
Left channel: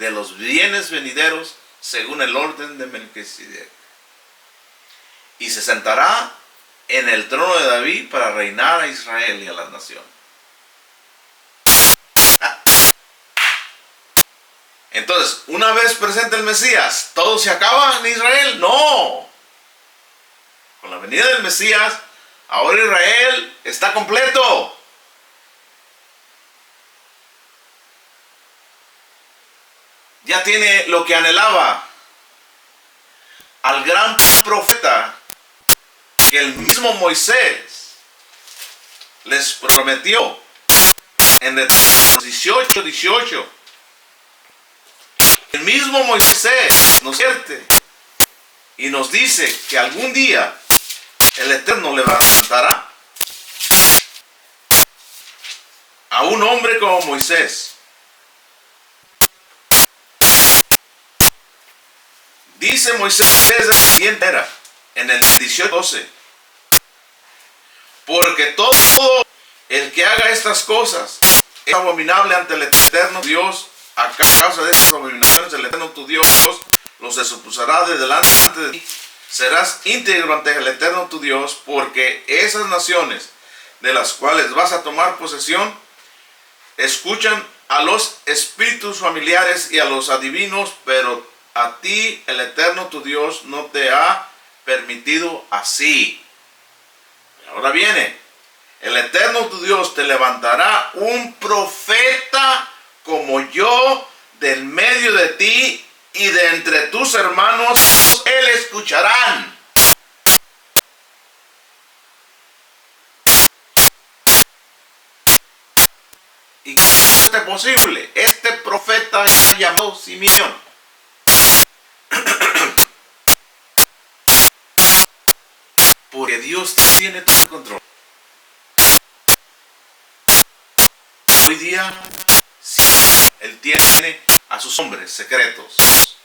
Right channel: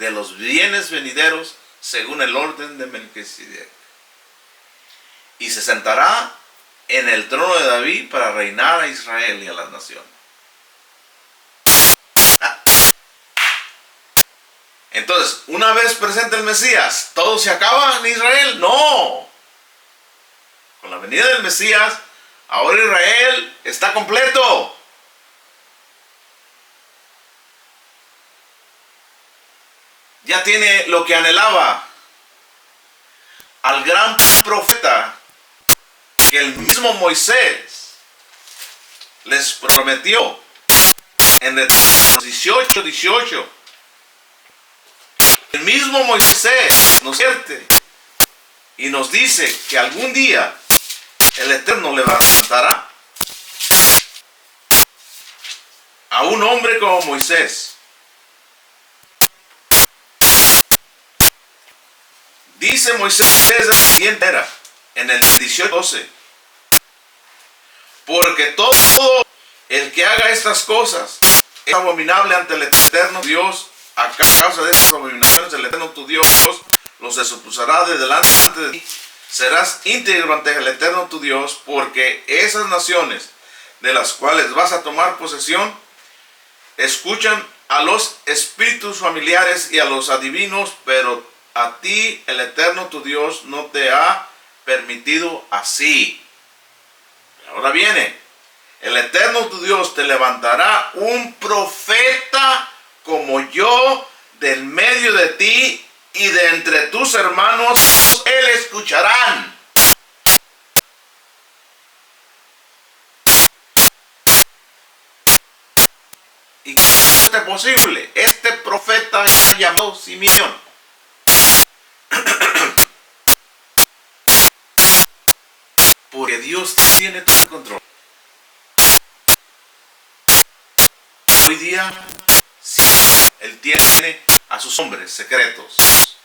de los bienes venideros según el orden de Melquisedec. Y se sentará en el trono de David para reinar a Israel y a las naciones. Entonces, una vez presente el Mesías, ¿todo se acaba en Israel? No. Con la venida del Mesías, ahora Israel está completo. Ya tiene lo que anhelaba. Al gran profeta que el mismo Moisés les prometió en Deuteronomio 18:18. El mismo Moisés nos advierte y nos dice que algún día el Eterno levantará a un hombre como Moisés. Dice Moisés de la siguiente era, en el 18:12, porque todo el que haga estas cosas es abominable ante el Eterno Dios. A causa de estas abominaciones, el Eterno tu Dios los expulsará de delante de ti. Serás íntegro ante el Eterno tu Dios, porque esas naciones de las cuales vas a tomar posesión escuchan a los espíritus familiares y a los adivinos, pero a ti el Eterno tu Dios no te ha permitido así. Ahora viene, el Eterno tu Dios te levantará un profeta como yo del medio de ti, y de entre tus hermanos él escucharán. ¿Y qué es posible? Este profeta llamado Simeón. Porque Dios tiene todo el control. Hoy día Él tiene a sus hombres secretos.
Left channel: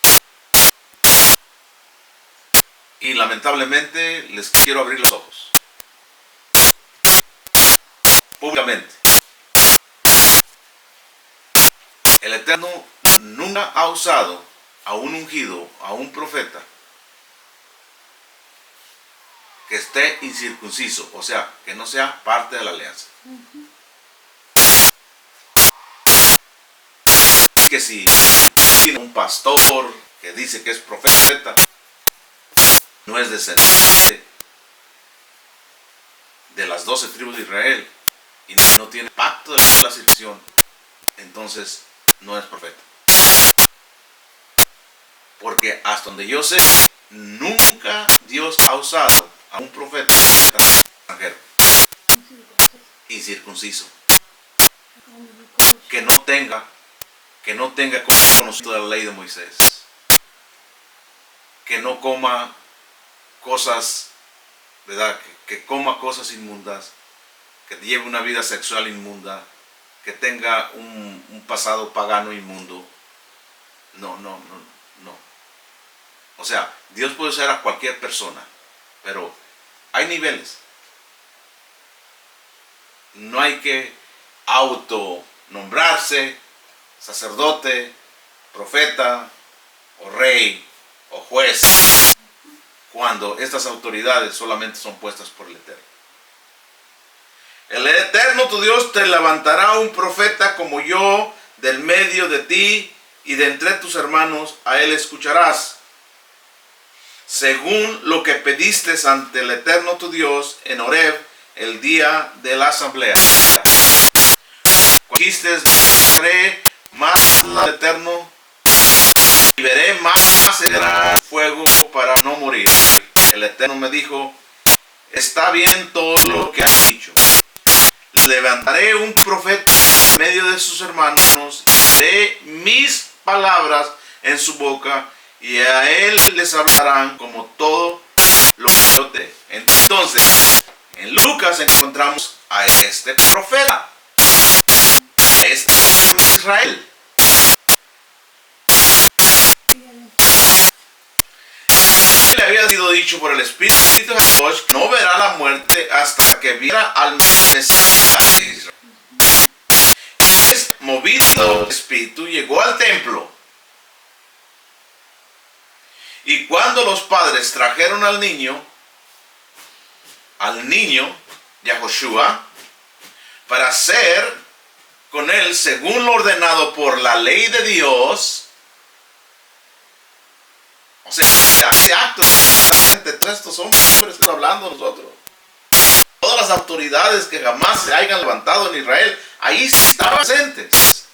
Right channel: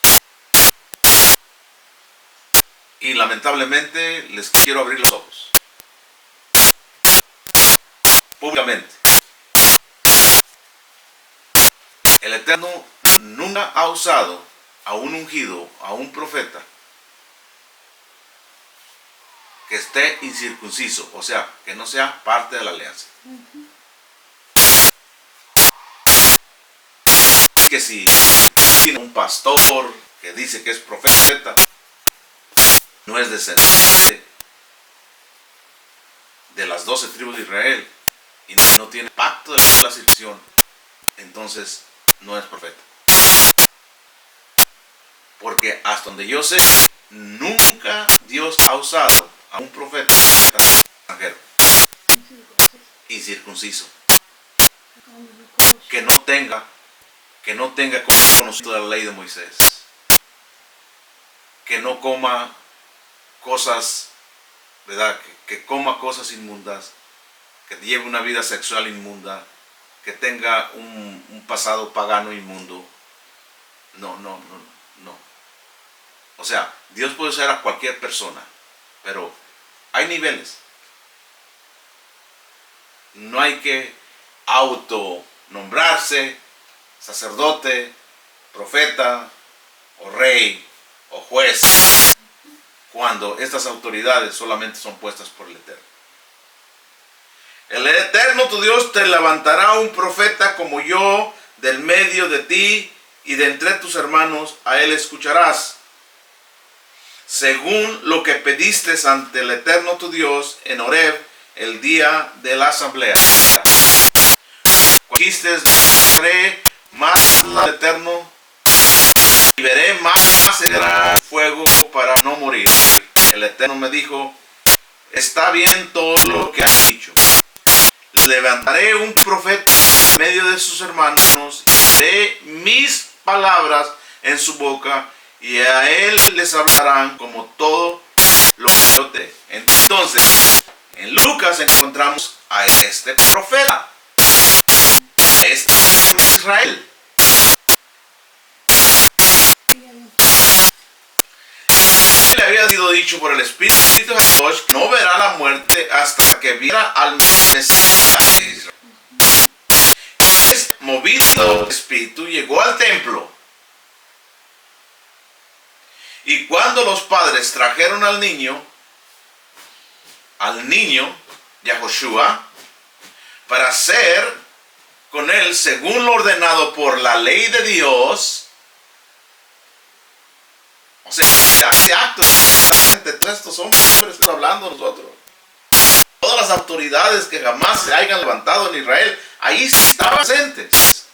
Y lamentablemente les quiero abrir los ojos. Públicamente. El Eterno nunca ha usado a un ungido, a un profeta, que esté incircunciso, o sea, que no sea parte de la alianza. Que si tiene un pastor que dice que es profeta, no es descendiente de las 12 tribus de Israel y no tiene pacto de la circuncisión, entonces no es profeta. Porque hasta donde yo sé, nunca Dios ha usado a un profeta extranjero y circunciso que no tenga conocimiento de la ley de Moisés, que no coma cosas, ¿verdad? Que coma cosas inmundas, que lleve una vida sexual inmunda, que tenga un pasado pagano inmundo. No. O sea, Dios puede usar a cualquier persona, pero hay niveles. No hay que autonombrarse sacerdote, profeta, o rey, o juez, cuando estas autoridades solamente son puestas por el Eterno. El Eterno tu Dios te levantará un profeta como yo del medio de ti, y de entre tus hermanos a él escucharás, según lo que pediste ante el Eterno tu Dios en Horeb el día de la asamblea. Dijiste, veré más al Eterno y veré más el fuego para no morir. El Eterno me dijo, está bien todo lo que has dicho. Levantaré un profeta en medio de sus hermanos y veré mis palabras en su boca, y a él les hablarán como todo lo que yo te. Entonces, en Lucas encontramos a este profeta, a este Israel. Le había sido dicho por el Espíritu de Dios que no verá la muerte hasta que viera al Mesías de Israel. Es movido el Espíritu, llegó al templo. Y cuando los padres trajeron al niño Yahoshua, para hacer con él según lo ordenado por la ley de Dios, o sea, ese acto de todos estos hombres que están hablando nosotros, todas las autoridades que jamás se hayan levantado en Israel, ahí estaban presentes.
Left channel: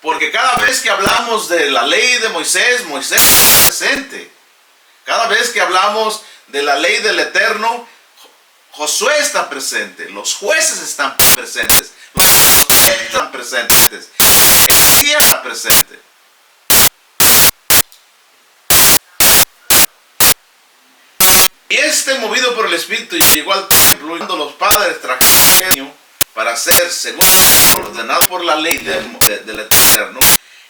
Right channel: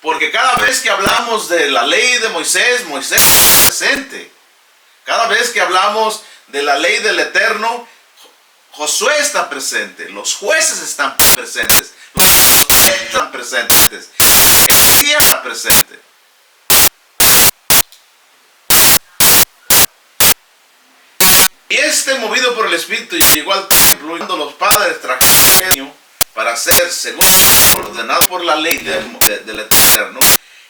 Porque cada vez que hablamos de la ley de Moisés, Moisés está presente. Cada vez que hablamos de la ley del Eterno, Josué está presente. Los jueces están presentes. Los profetas están presentes. El Mesías está presente. Y movido por el Espíritu llegó al templo, y cuando los padres trajeron al niño para hacer según ordenado por la ley del Eterno,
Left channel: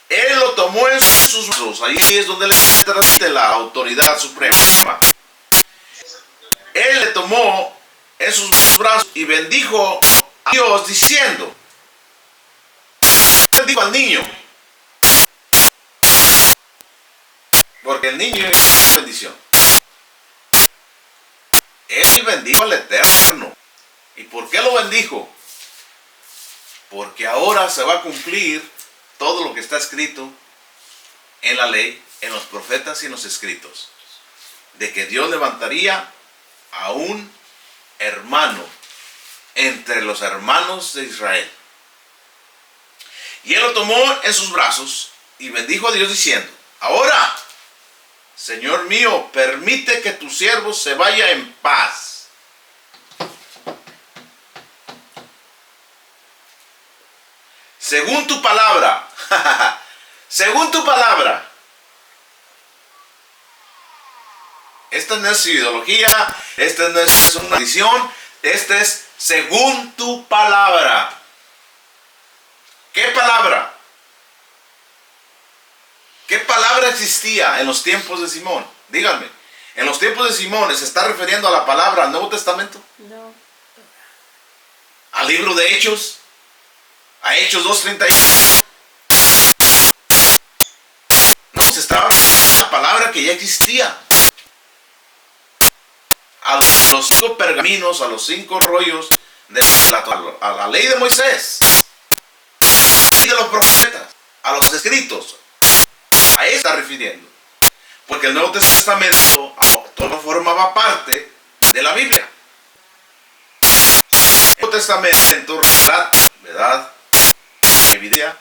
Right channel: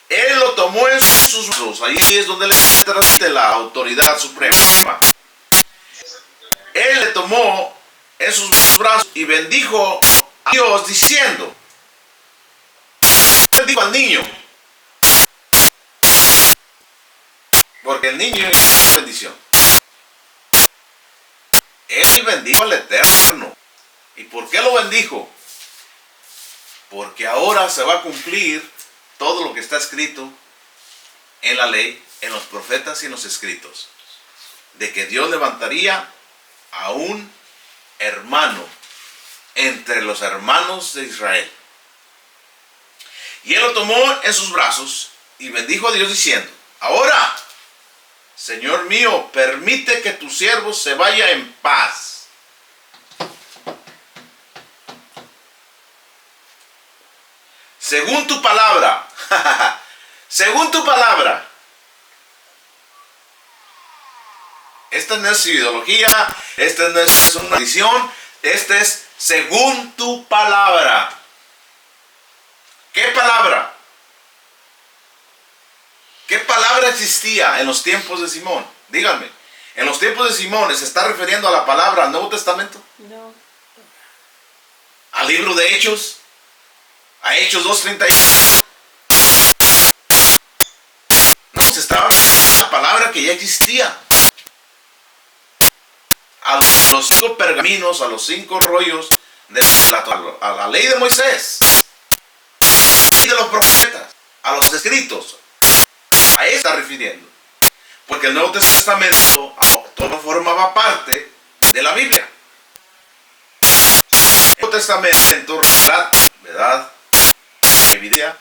él lo tomó en sus brazos. Ahí es donde le transmite la autoridad suprema. Él le tomó en sus brazos y bendijo a Dios diciendo, bendijo al niño, porque el niño es una bendición. Él bendijo al Eterno. ¿Y por qué lo bendijo? Porque ahora se va a cumplir todo lo que está escrito en la ley, en los profetas y en los escritos, de que Dios levantaría a un hermano entre los hermanos de Israel. Y él lo tomó en sus brazos y bendijo a Dios diciendo, ahora, Señor mío, permite que tu siervo se vaya en paz. Según tu palabra. Según tu palabra. Esta no es ideología, esta no es una tradición, esta es según tu palabra. ¿Qué palabra? ¿Qué palabra existía en los tiempos de Simón? Díganme, ¿en los tiempos de Simón se está refiriendo a la palabra al Nuevo Testamento? No. ¿Al libro de Hechos? ¿A Hechos 2:31? No, se estaba refiriendo a la palabra que ya existía. A los 5 pergaminos, a los 5 rollos, a la ley de Moisés, y de los profetas, a los escritos. A eso está refiriendo. Porque el Nuevo Testamento todo formaba parte de la Biblia. El Nuevo Testamento relata, ¿verdad?, la evidencia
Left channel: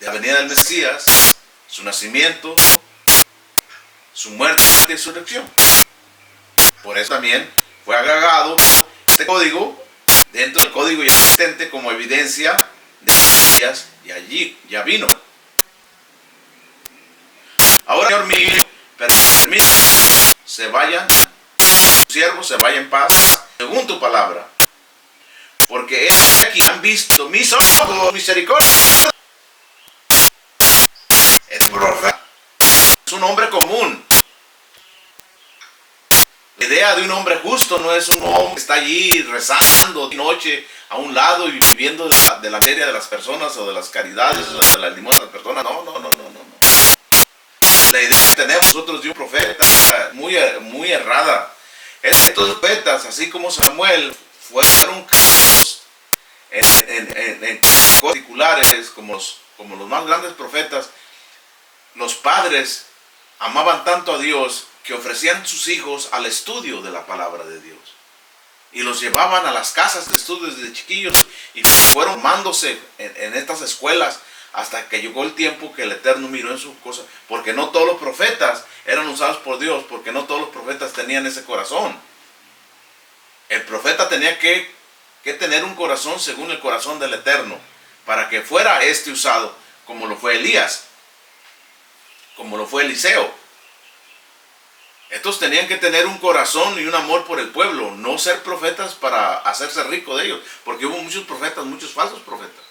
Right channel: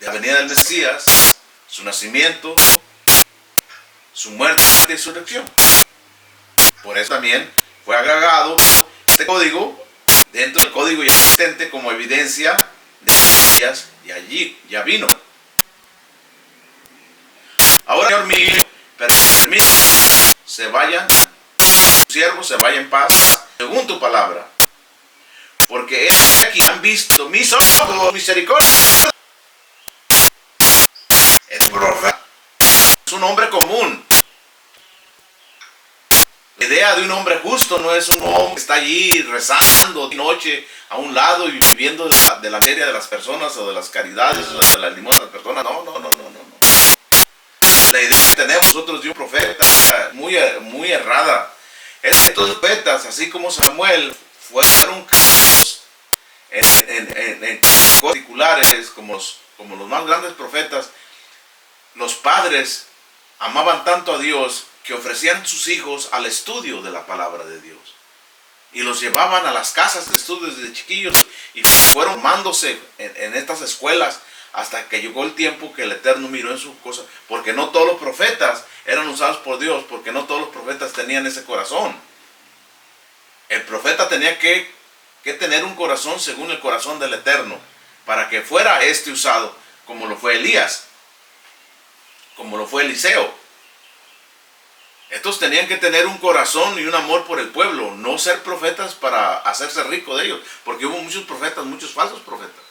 de la venida del Mesías, su nacimiento, su muerte y resurrección. Por eso también fue agregado este código dentro del código ya existente como evidencia de Mesías, y allí ya vino. Ahora, Señor mío, permite que se vayan, tus siervos se vayan en paz, según tu palabra. Porque es aquí han visto mis ojos misericordia. El profeta es un hombre común. La idea de un hombre justo no es un hombre que está allí rezando de noche a un lado y viviendo de la miseria de las personas o de las caridades o de la limosna de las personas. No. La idea que tenemos nosotros de un profeta muy errada. Estos profetas, así como Samuel, fueron casos en particulares como los más grandes profetas. Los padres amaban tanto a Dios que ofrecían sus hijos al estudio de la palabra de Dios. Y los llevaban a las casas de estudios desde chiquillos y fueron formándose en estas escuelas hasta que llegó el tiempo que el Eterno miró en sus cosas. Porque no todos los profetas eran usados por Dios, porque no todos los profetas tenían ese corazón. El profeta tenía que tener un corazón según el corazón del Eterno para que fuera usado, como lo fue Elías, como lo fue Eliseo. Estos tenían que tener un corazón y un amor por el pueblo, no ser profetas para hacerse rico de ellos, porque hubo muchos profetas, muchos falsos profetas.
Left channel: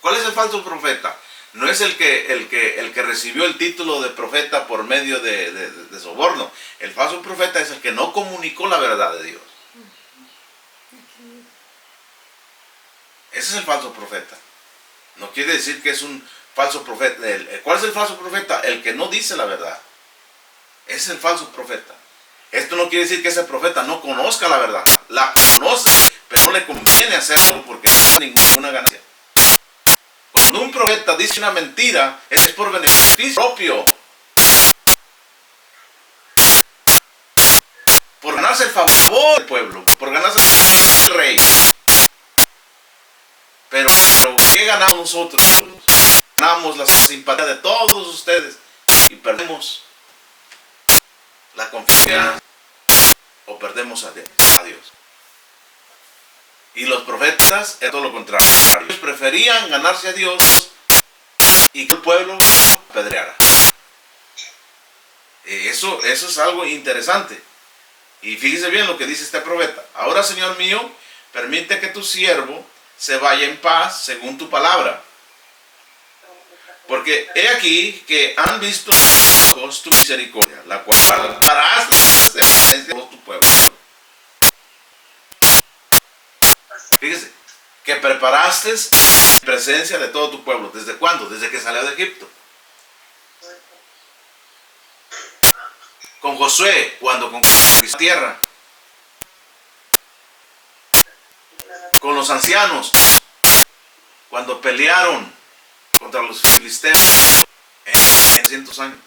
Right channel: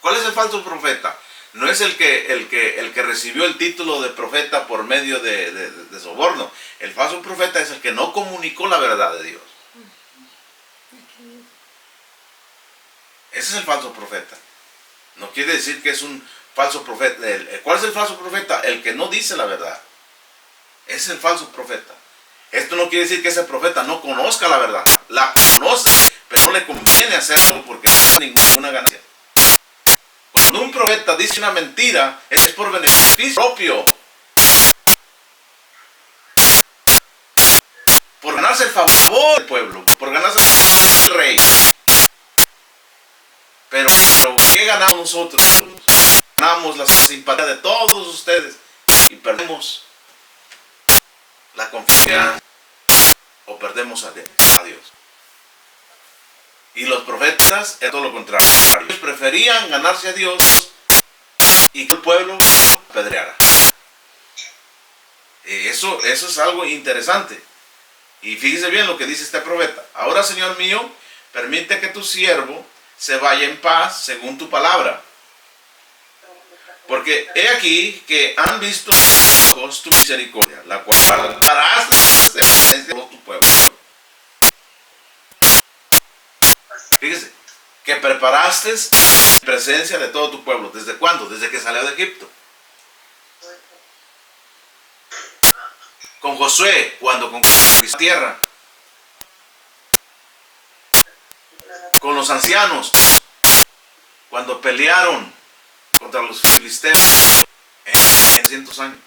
¿Cuál es el falso profeta? No es el que recibió el título de profeta por medio de soborno. El falso profeta es el que no comunicó la verdad de Dios. Ese es el falso profeta. No quiere decir que es un falso profeta. ¿Cuál es el falso profeta? El que no dice la verdad. Ese es el falso profeta. Esto no quiere decir que ese profeta no conozca la verdad. La conoce, pero no le conviene hacerlo porque no tiene ninguna ganancia. Cuando un profeta dice una mentira, es por beneficio propio. Por ganarse el favor del pueblo, por ganarse el favor del rey. Pero ¿qué ganamos nosotros? Ganamos la simpatía de todos ustedes y perdemos la confianza o perdemos a Dios. Y los profetas es todo lo contrario. Ellos preferían ganarse a Dios y que el pueblo apedreara. Eso es algo interesante. Y fíjese bien lo que dice este profeta. Ahora, Señor mío, permite que tu siervo se vaya en paz según tu palabra. Porque he aquí que han visto tus ojos tu misericordia, la cual darás de presencia de todo tu pueblo. Fíjese, que preparaste presencia de todo tu pueblo. ¿Desde cuándo? Desde que salió de Egipto. Con Josué, cuando conquistó la tierra. Con los ancianos, cuando pelearon contra los filisteos en 100 años.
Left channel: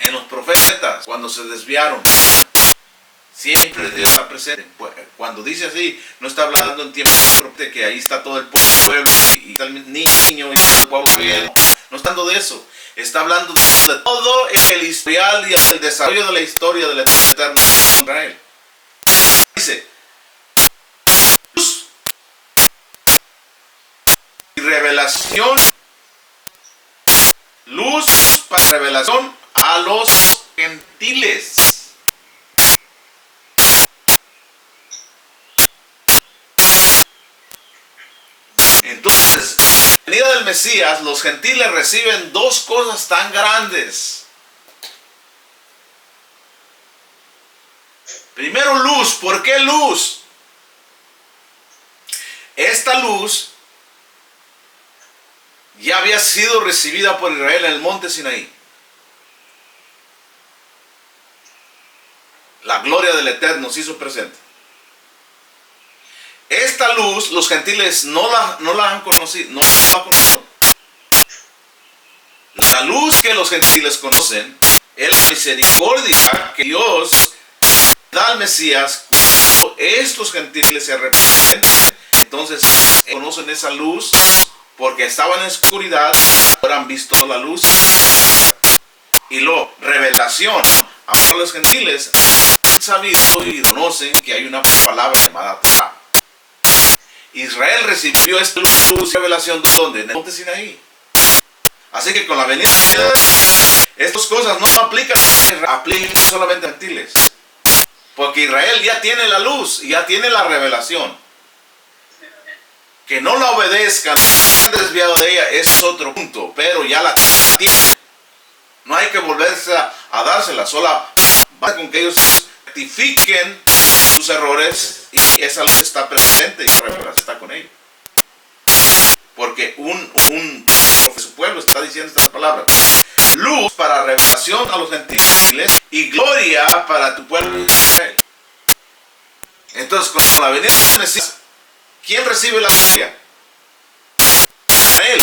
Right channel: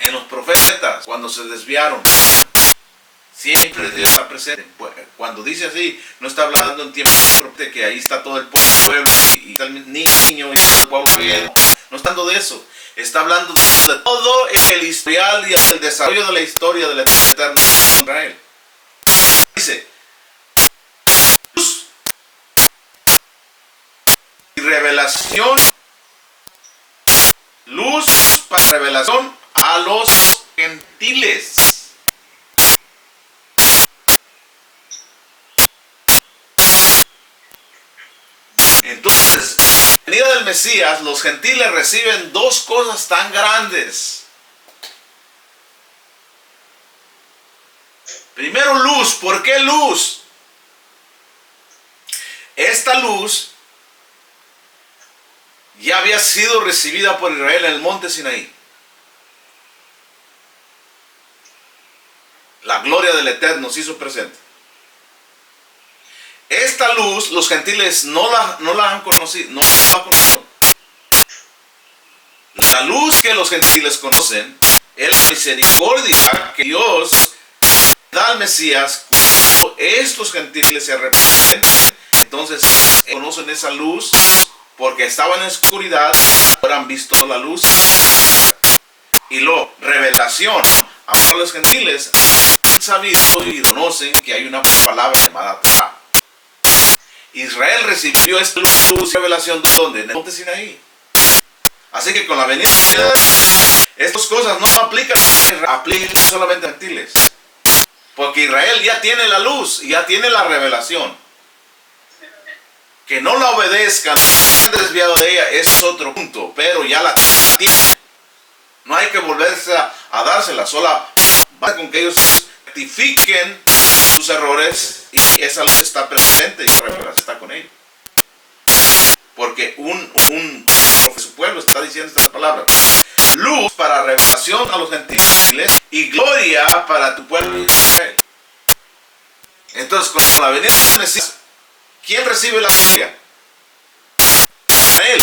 En los profetas, cuando se desviaron. Siempre Dios está presente. Cuando dice así, no está hablando en tiempo de que ahí está todo el pueblo y está el niño y todo el pueblo bien. No está hablando de eso. Está hablando de todo el historial y el desarrollo de la historia del Eterno Israel. Dice, luz y revelación, luz para revelación a los gentiles. Entonces, en la venida del Mesías, los gentiles reciben dos cosas tan grandes. Primero, luz. ¿Por qué luz? Esta luz ya había sido recibida por Israel en el monte Sinaí. La gloria del Eterno se hizo presente. Esta luz, los gentiles no la han conocido, no la han conocido. La luz que los gentiles conocen es la misericordia que Dios da al Mesías. Cuando estos gentiles se arrepienten, entonces conocen esa luz porque estaban en oscuridad, ahora han visto la luz. Y luego, revelación. Ahora los gentiles han sabido y conocen que hay una palabra llamada Torah. Israel recibió esta luz y revelación de ¿dónde? En el monte Sinaí. Así que con la venida de estas cosas no aplican solamente a gentiles. Porque Israel ya tiene la luz y ya tiene la revelación. Que no la obedezcan, no se han desviado de ella, es otro punto. Pero ya la tiene. hay que volverse a dársela, solo basta con que ellos rectifiquen sus errores y esa luz está presente y la revelación está con ellos. Porque su pueblo está diciendo estas palabras: luz para revelación a los gentiles y gloria para tu pueblo Israel. Entonces, con la venida del Mesías, ¿quién recibe la gloria? Él.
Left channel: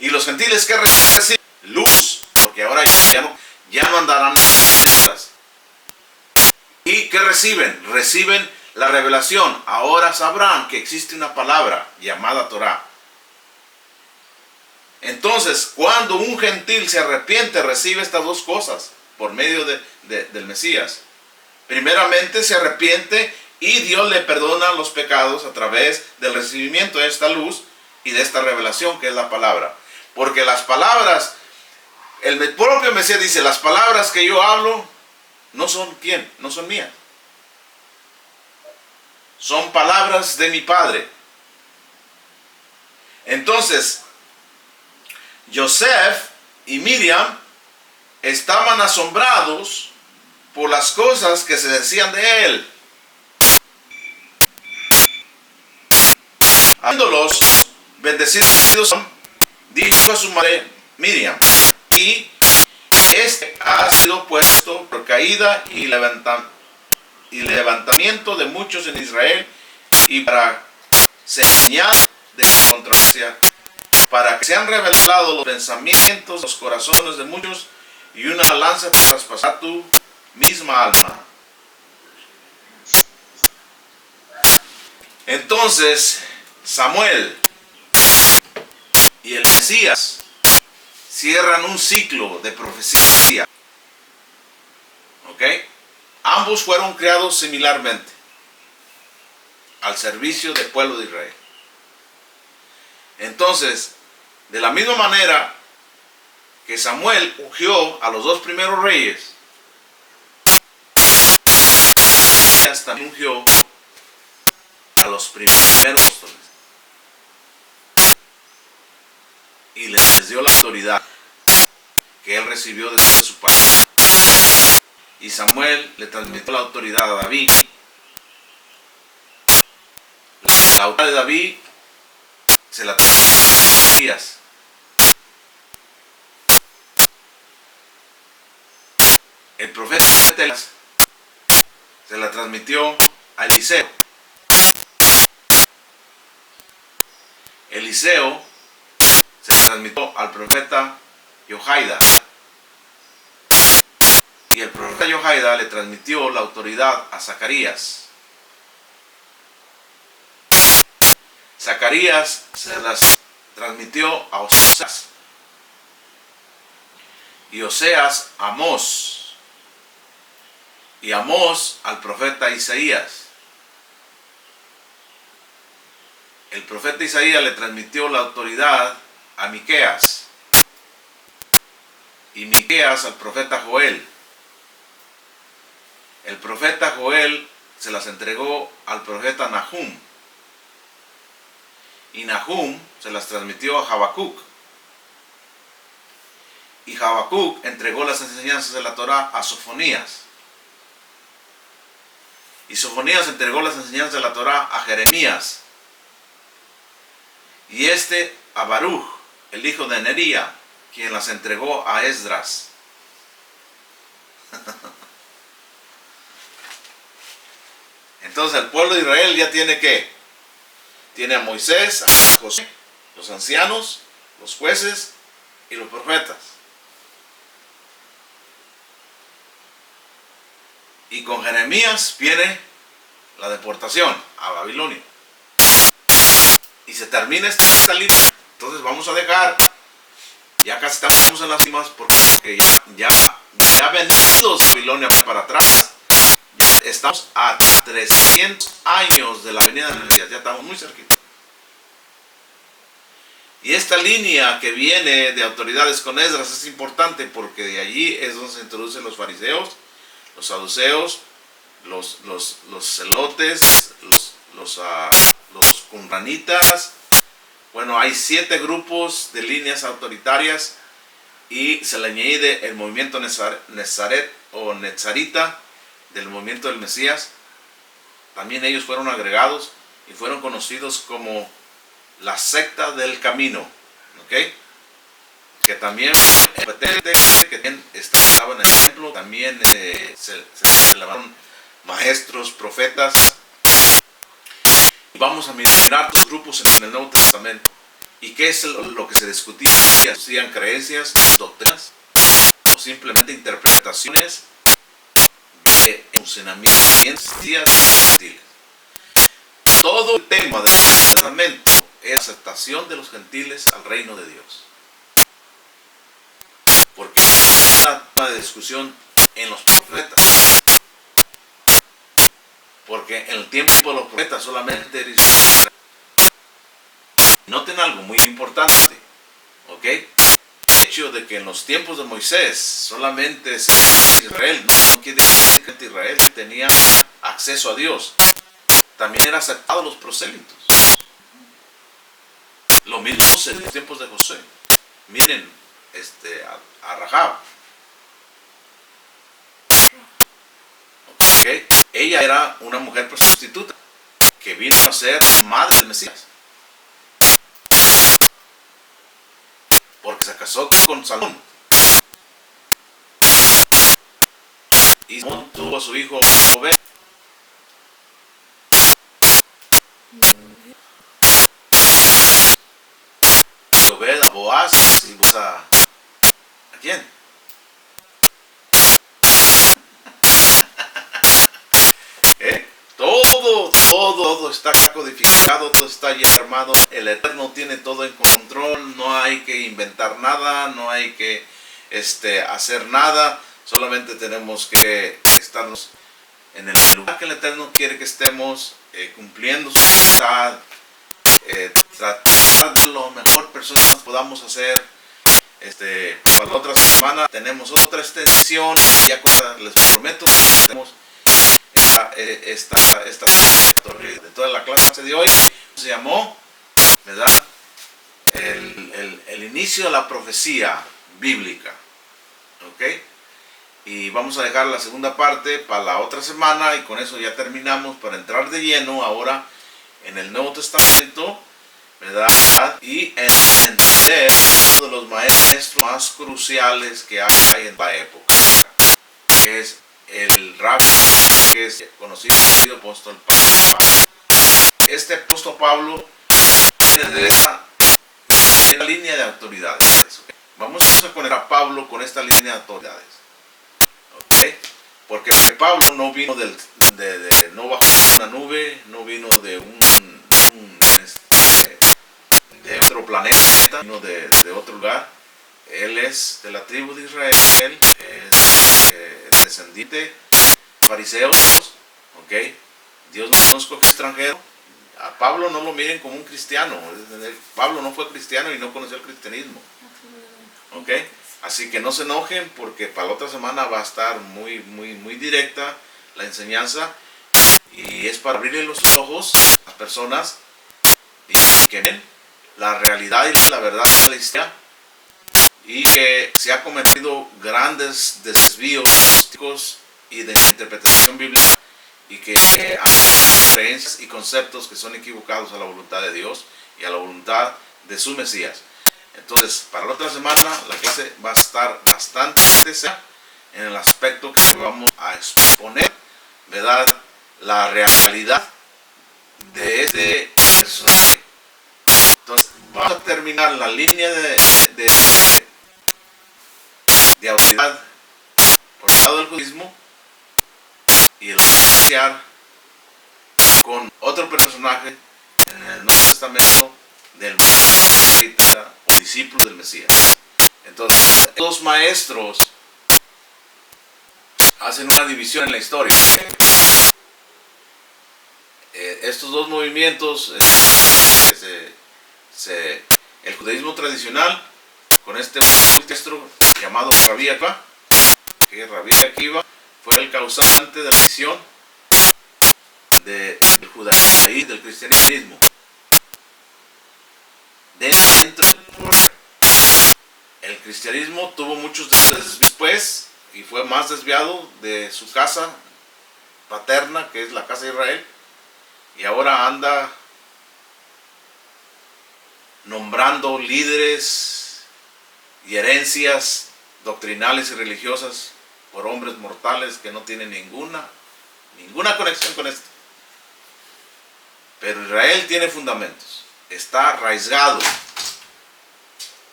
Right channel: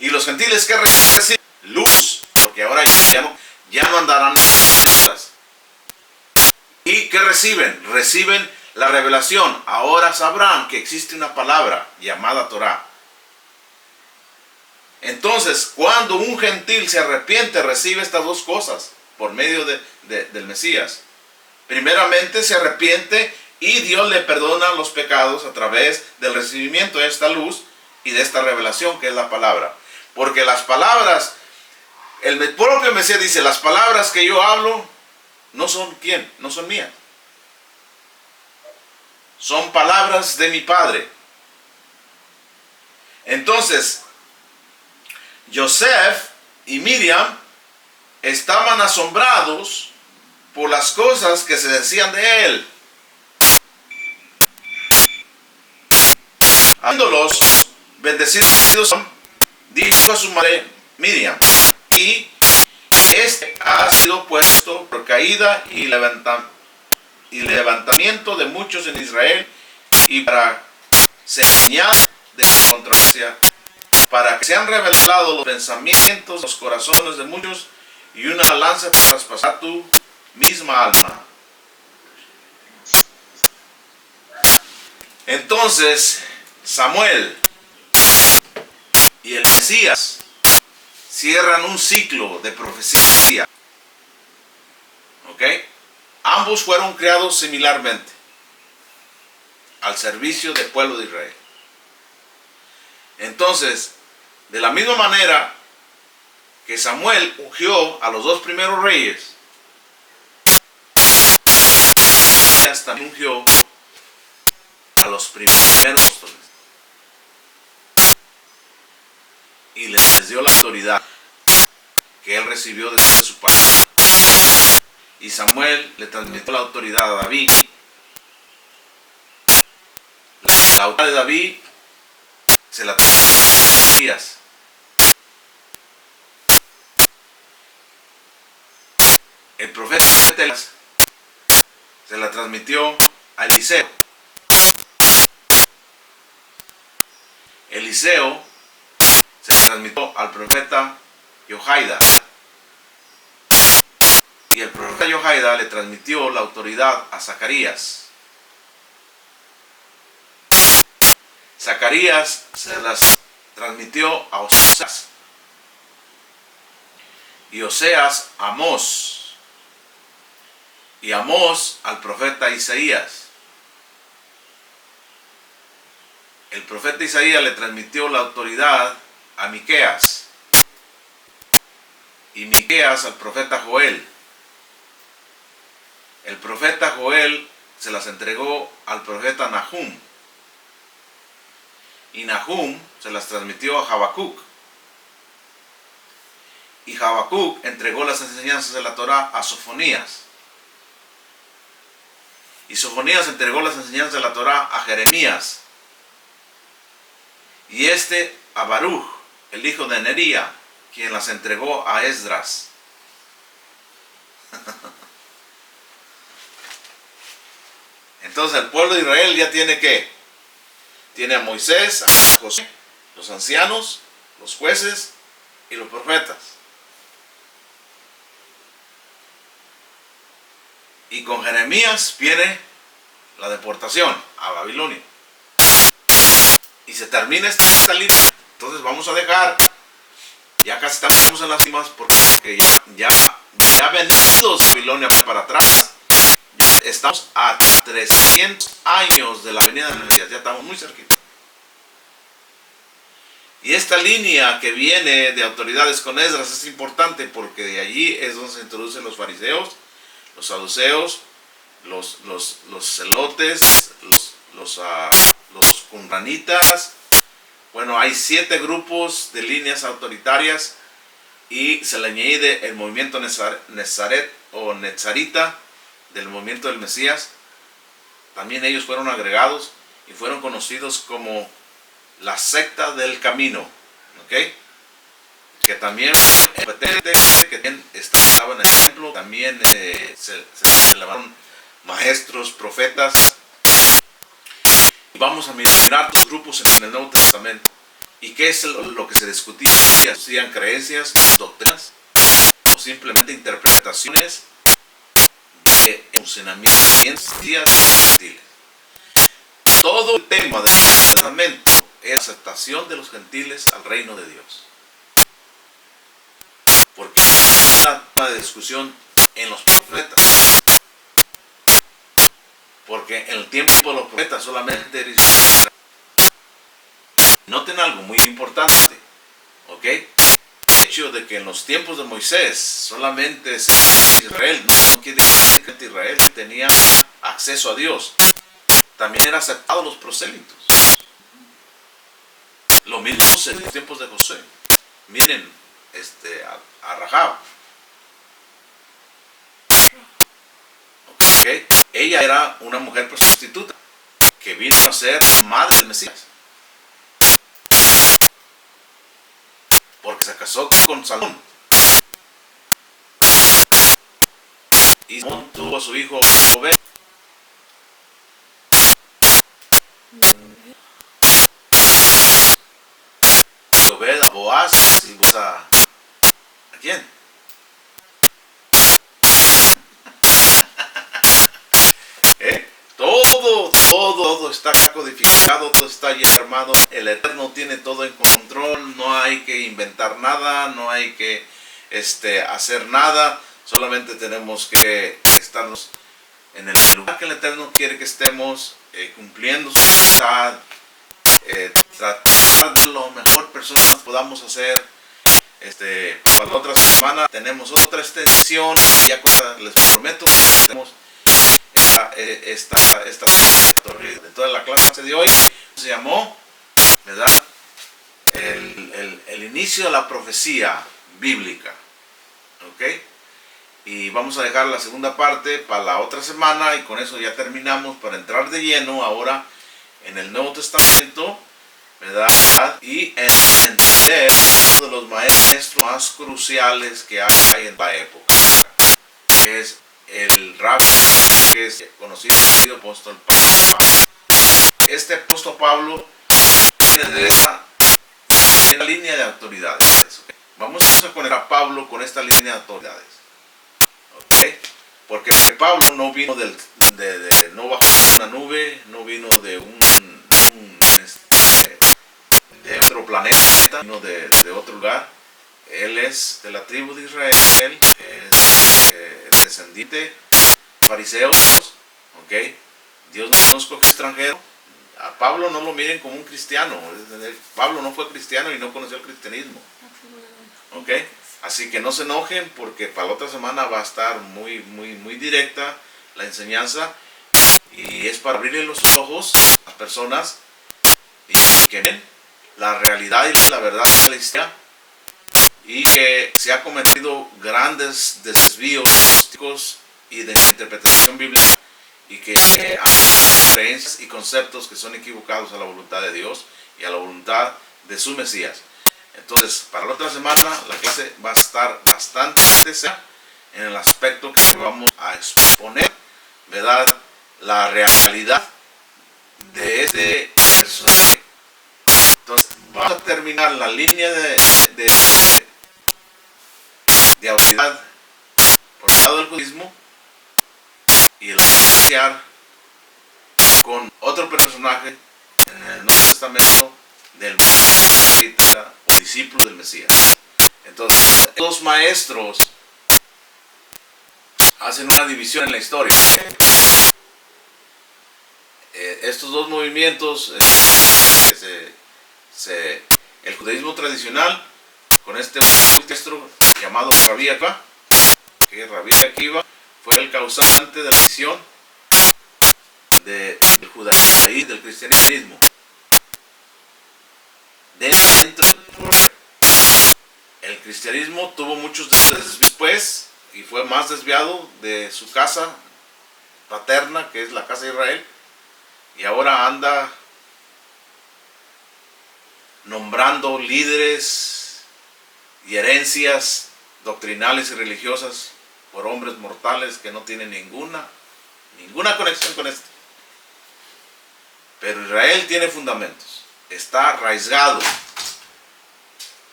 Y los gentiles, ¿qué reciben? Luz, porque ahora ya no andarán en. ¿Y qué reciben? Reciben la revelación. Ahora sabrán que existe una palabra llamada Torah. Entonces, cuando un gentil se arrepiente, recibe estas dos cosas por medio del Mesías. Primeramente se arrepiente y Dios le perdona los pecados a través del recibimiento de esta luz y de esta revelación que es la palabra. Porque las palabras, el propio Mesías dice, las palabras que yo hablo no son ¿quién? No son mías. Son palabras de mi Padre. Entonces, Joseph y Miriam estaban asombrados por las cosas que se decían de él. Habiéndolos bendecidos, dijo a su madre Miriam, y este ha sido puesto por caída y levantamiento de muchos en Israel, y para señal de controversia, para que sean revelados los pensamientos, los corazones de muchos, y una lanza para traspasar tu misma alma. Entonces Samuel y el Mesías cierran un ciclo de profecía. ¿Ok? Ambos fueron creados similarmente al servicio del pueblo de Israel. Entonces, de la misma manera que Samuel ungió a los dos primeros reyes, también ungió a los primeros apóstoles y les dio la autoridad que él recibió de su padre. Y Samuel le transmitió la autoridad a David. La autoridad de David se la transmitió a Mesías. El profeta se la transmitió a Eliseo. Eliseo se la transmitió al profeta Johaida. Y el profeta Johaida le transmitió la autoridad a Zacarías. Zacarías se las transmitió a Oseas. Y Oseas a Amós. Y Amós al profeta Isaías. El profeta Isaías le transmitió la autoridad a Miqueas. Y Miqueas al profeta Joel. El profeta Joel se las entregó al profeta Nahum. Y Nahum se las transmitió a Habacuc. Y Habacuc entregó las enseñanzas de la Torah a Sofonías. Y Sofonías entregó las enseñanzas de la Torah a Jeremías. Y a Baruch, el hijo de Nería, quien las entregó a Esdras. Entonces el pueblo de Israel ya tiene ¿qué? Tiene a Moisés, a Josué, los ancianos, los jueces y los profetas. Y con Jeremías viene la deportación a Babilonia. Y se termina esta línea. Entonces vamos a dejar, ya casi estamos en las cimas, porque ya venidos a Babilonia para atrás. Estamos a 300 años de la venida de Mesías, ya estamos muy cerquita. Y esta línea que viene de autoridades con Esdras es importante porque de allí es donde se introducen los fariseos, los saduceos, los celotes, los qumranitas. Bueno, hay 7 grupos de líneas autoritarias y se le añade el movimiento Nezaret o Nezarita del movimiento del Mesías. También ellos fueron agregados y fueron conocidos como la secta del camino, ¿ok? Que también que estaban en el templo, también se levantaron maestros, profetas. Vamos a mirar los grupos en el Nuevo Testamento. ¿Y qué es lo que se discutía? ¿Hacían creencias, doctrinas o simplemente interpretaciones de funcionamientos gentiles? Todo el tema del Nuevo Testamento es aceptación de los gentiles al reino de Dios. Porque es una discusión en los profetas. Porque en el tiempo de los profetas solamente era Israel. Noten algo muy importante, ¿ok? El hecho de que en los tiempos de Moisés solamente es Israel, no quiere decir que Israel tenía acceso a Dios. También era aceptado los prosélitos. Lo mismo en los tiempos de José. Miren a Rahab. ¿Okay? Ella era una mujer prostituta que vino a ser madre del Mesías. Porque se casó con Salomón. Y Salomón tuvo a su hijo Obed. Obed a Boaz y Boaz ¿a quién? Todo está codificado, todo está ya armado. El Eterno tiene todo en control, no hay que inventar nada, no hay que hacer nada, solamente tenemos que estarnos en el lugar que el Eterno quiere que estemos, cumpliendo su voluntad, tratar de lo mejor personas podamos hacer. Para la otra semana tenemos otra extensión, ya les prometo que tenemos esta de toda la clase de hoy se llamó, ¿verdad? El inicio de la profecía bíblica, ¿ok? Y vamos a dejar la segunda parte para la otra semana y con eso ya terminamos para entrar de lleno ahora en el Nuevo Testamento, ¿verdad? Y entender uno de los maestros más cruciales que hay en la época, que es el rabí, que es conocido como apóstol Pablo. Este apóstol Pablo viene de la línea de autoridades. ¿Okay? Vamos a poner a Pablo con esta línea de autoridades. ¿Okay? Porque Pablo no vino no bajó de una nube, no vino de de otro planeta, vino de otro lugar. Él es de la tribu de Israel, es descendiente de fariseos, ¿ok? Dios no escogió extranjero. A Pablo no lo miren como un cristiano. Pablo no fue cristiano y no conoció el cristianismo, ¿ok? Así que no se enojen porque para la otra semana va a estar muy directa la enseñanza y es para abrirle los ojos a las personas y que ven la realidad y la verdad de la historia, y que se ha cometido grandes desvíos y de interpretación bíblica y que hay creencias y conceptos que son equivocados a la voluntad de Dios y a la voluntad de su Mesías. Entonces, para la otra semana la clase va a estar bastante seria en el aspecto que vamos a exponer, ¿verdad? La realidad de este personaje. Entonces, vamos a terminar la línea de autoridad por el lado del judaísmo y el iniciar con otro personaje en el Nuevo Testamento del profeta o discípulo del Mesías. Entonces, los maestros hacen una división en la historia. Estos dos movimientos, el judaísmo tradicional, con este maestro llamado Rabí Akiva, que Rabí Akiva fue el causante de la división del judaísmo y del cristianismo. Dentro del cristianismo tuvo muchos después y fue más desviado de su casa paterna, que es la casa de Israel, y ahora anda nombrando líderes y herencias doctrinales y religiosas por hombres mortales que no tienen ninguna conexión con esto. Pero Israel tiene fundamentos, está arraigado.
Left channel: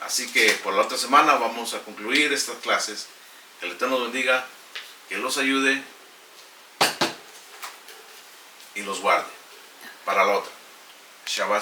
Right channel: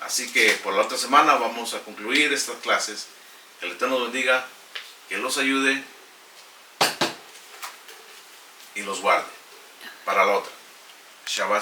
Así que por la otra semana vamos a concluir estas clases. Que el Eterno los bendiga, que los ayude y los guarde para la otra. Shabbat.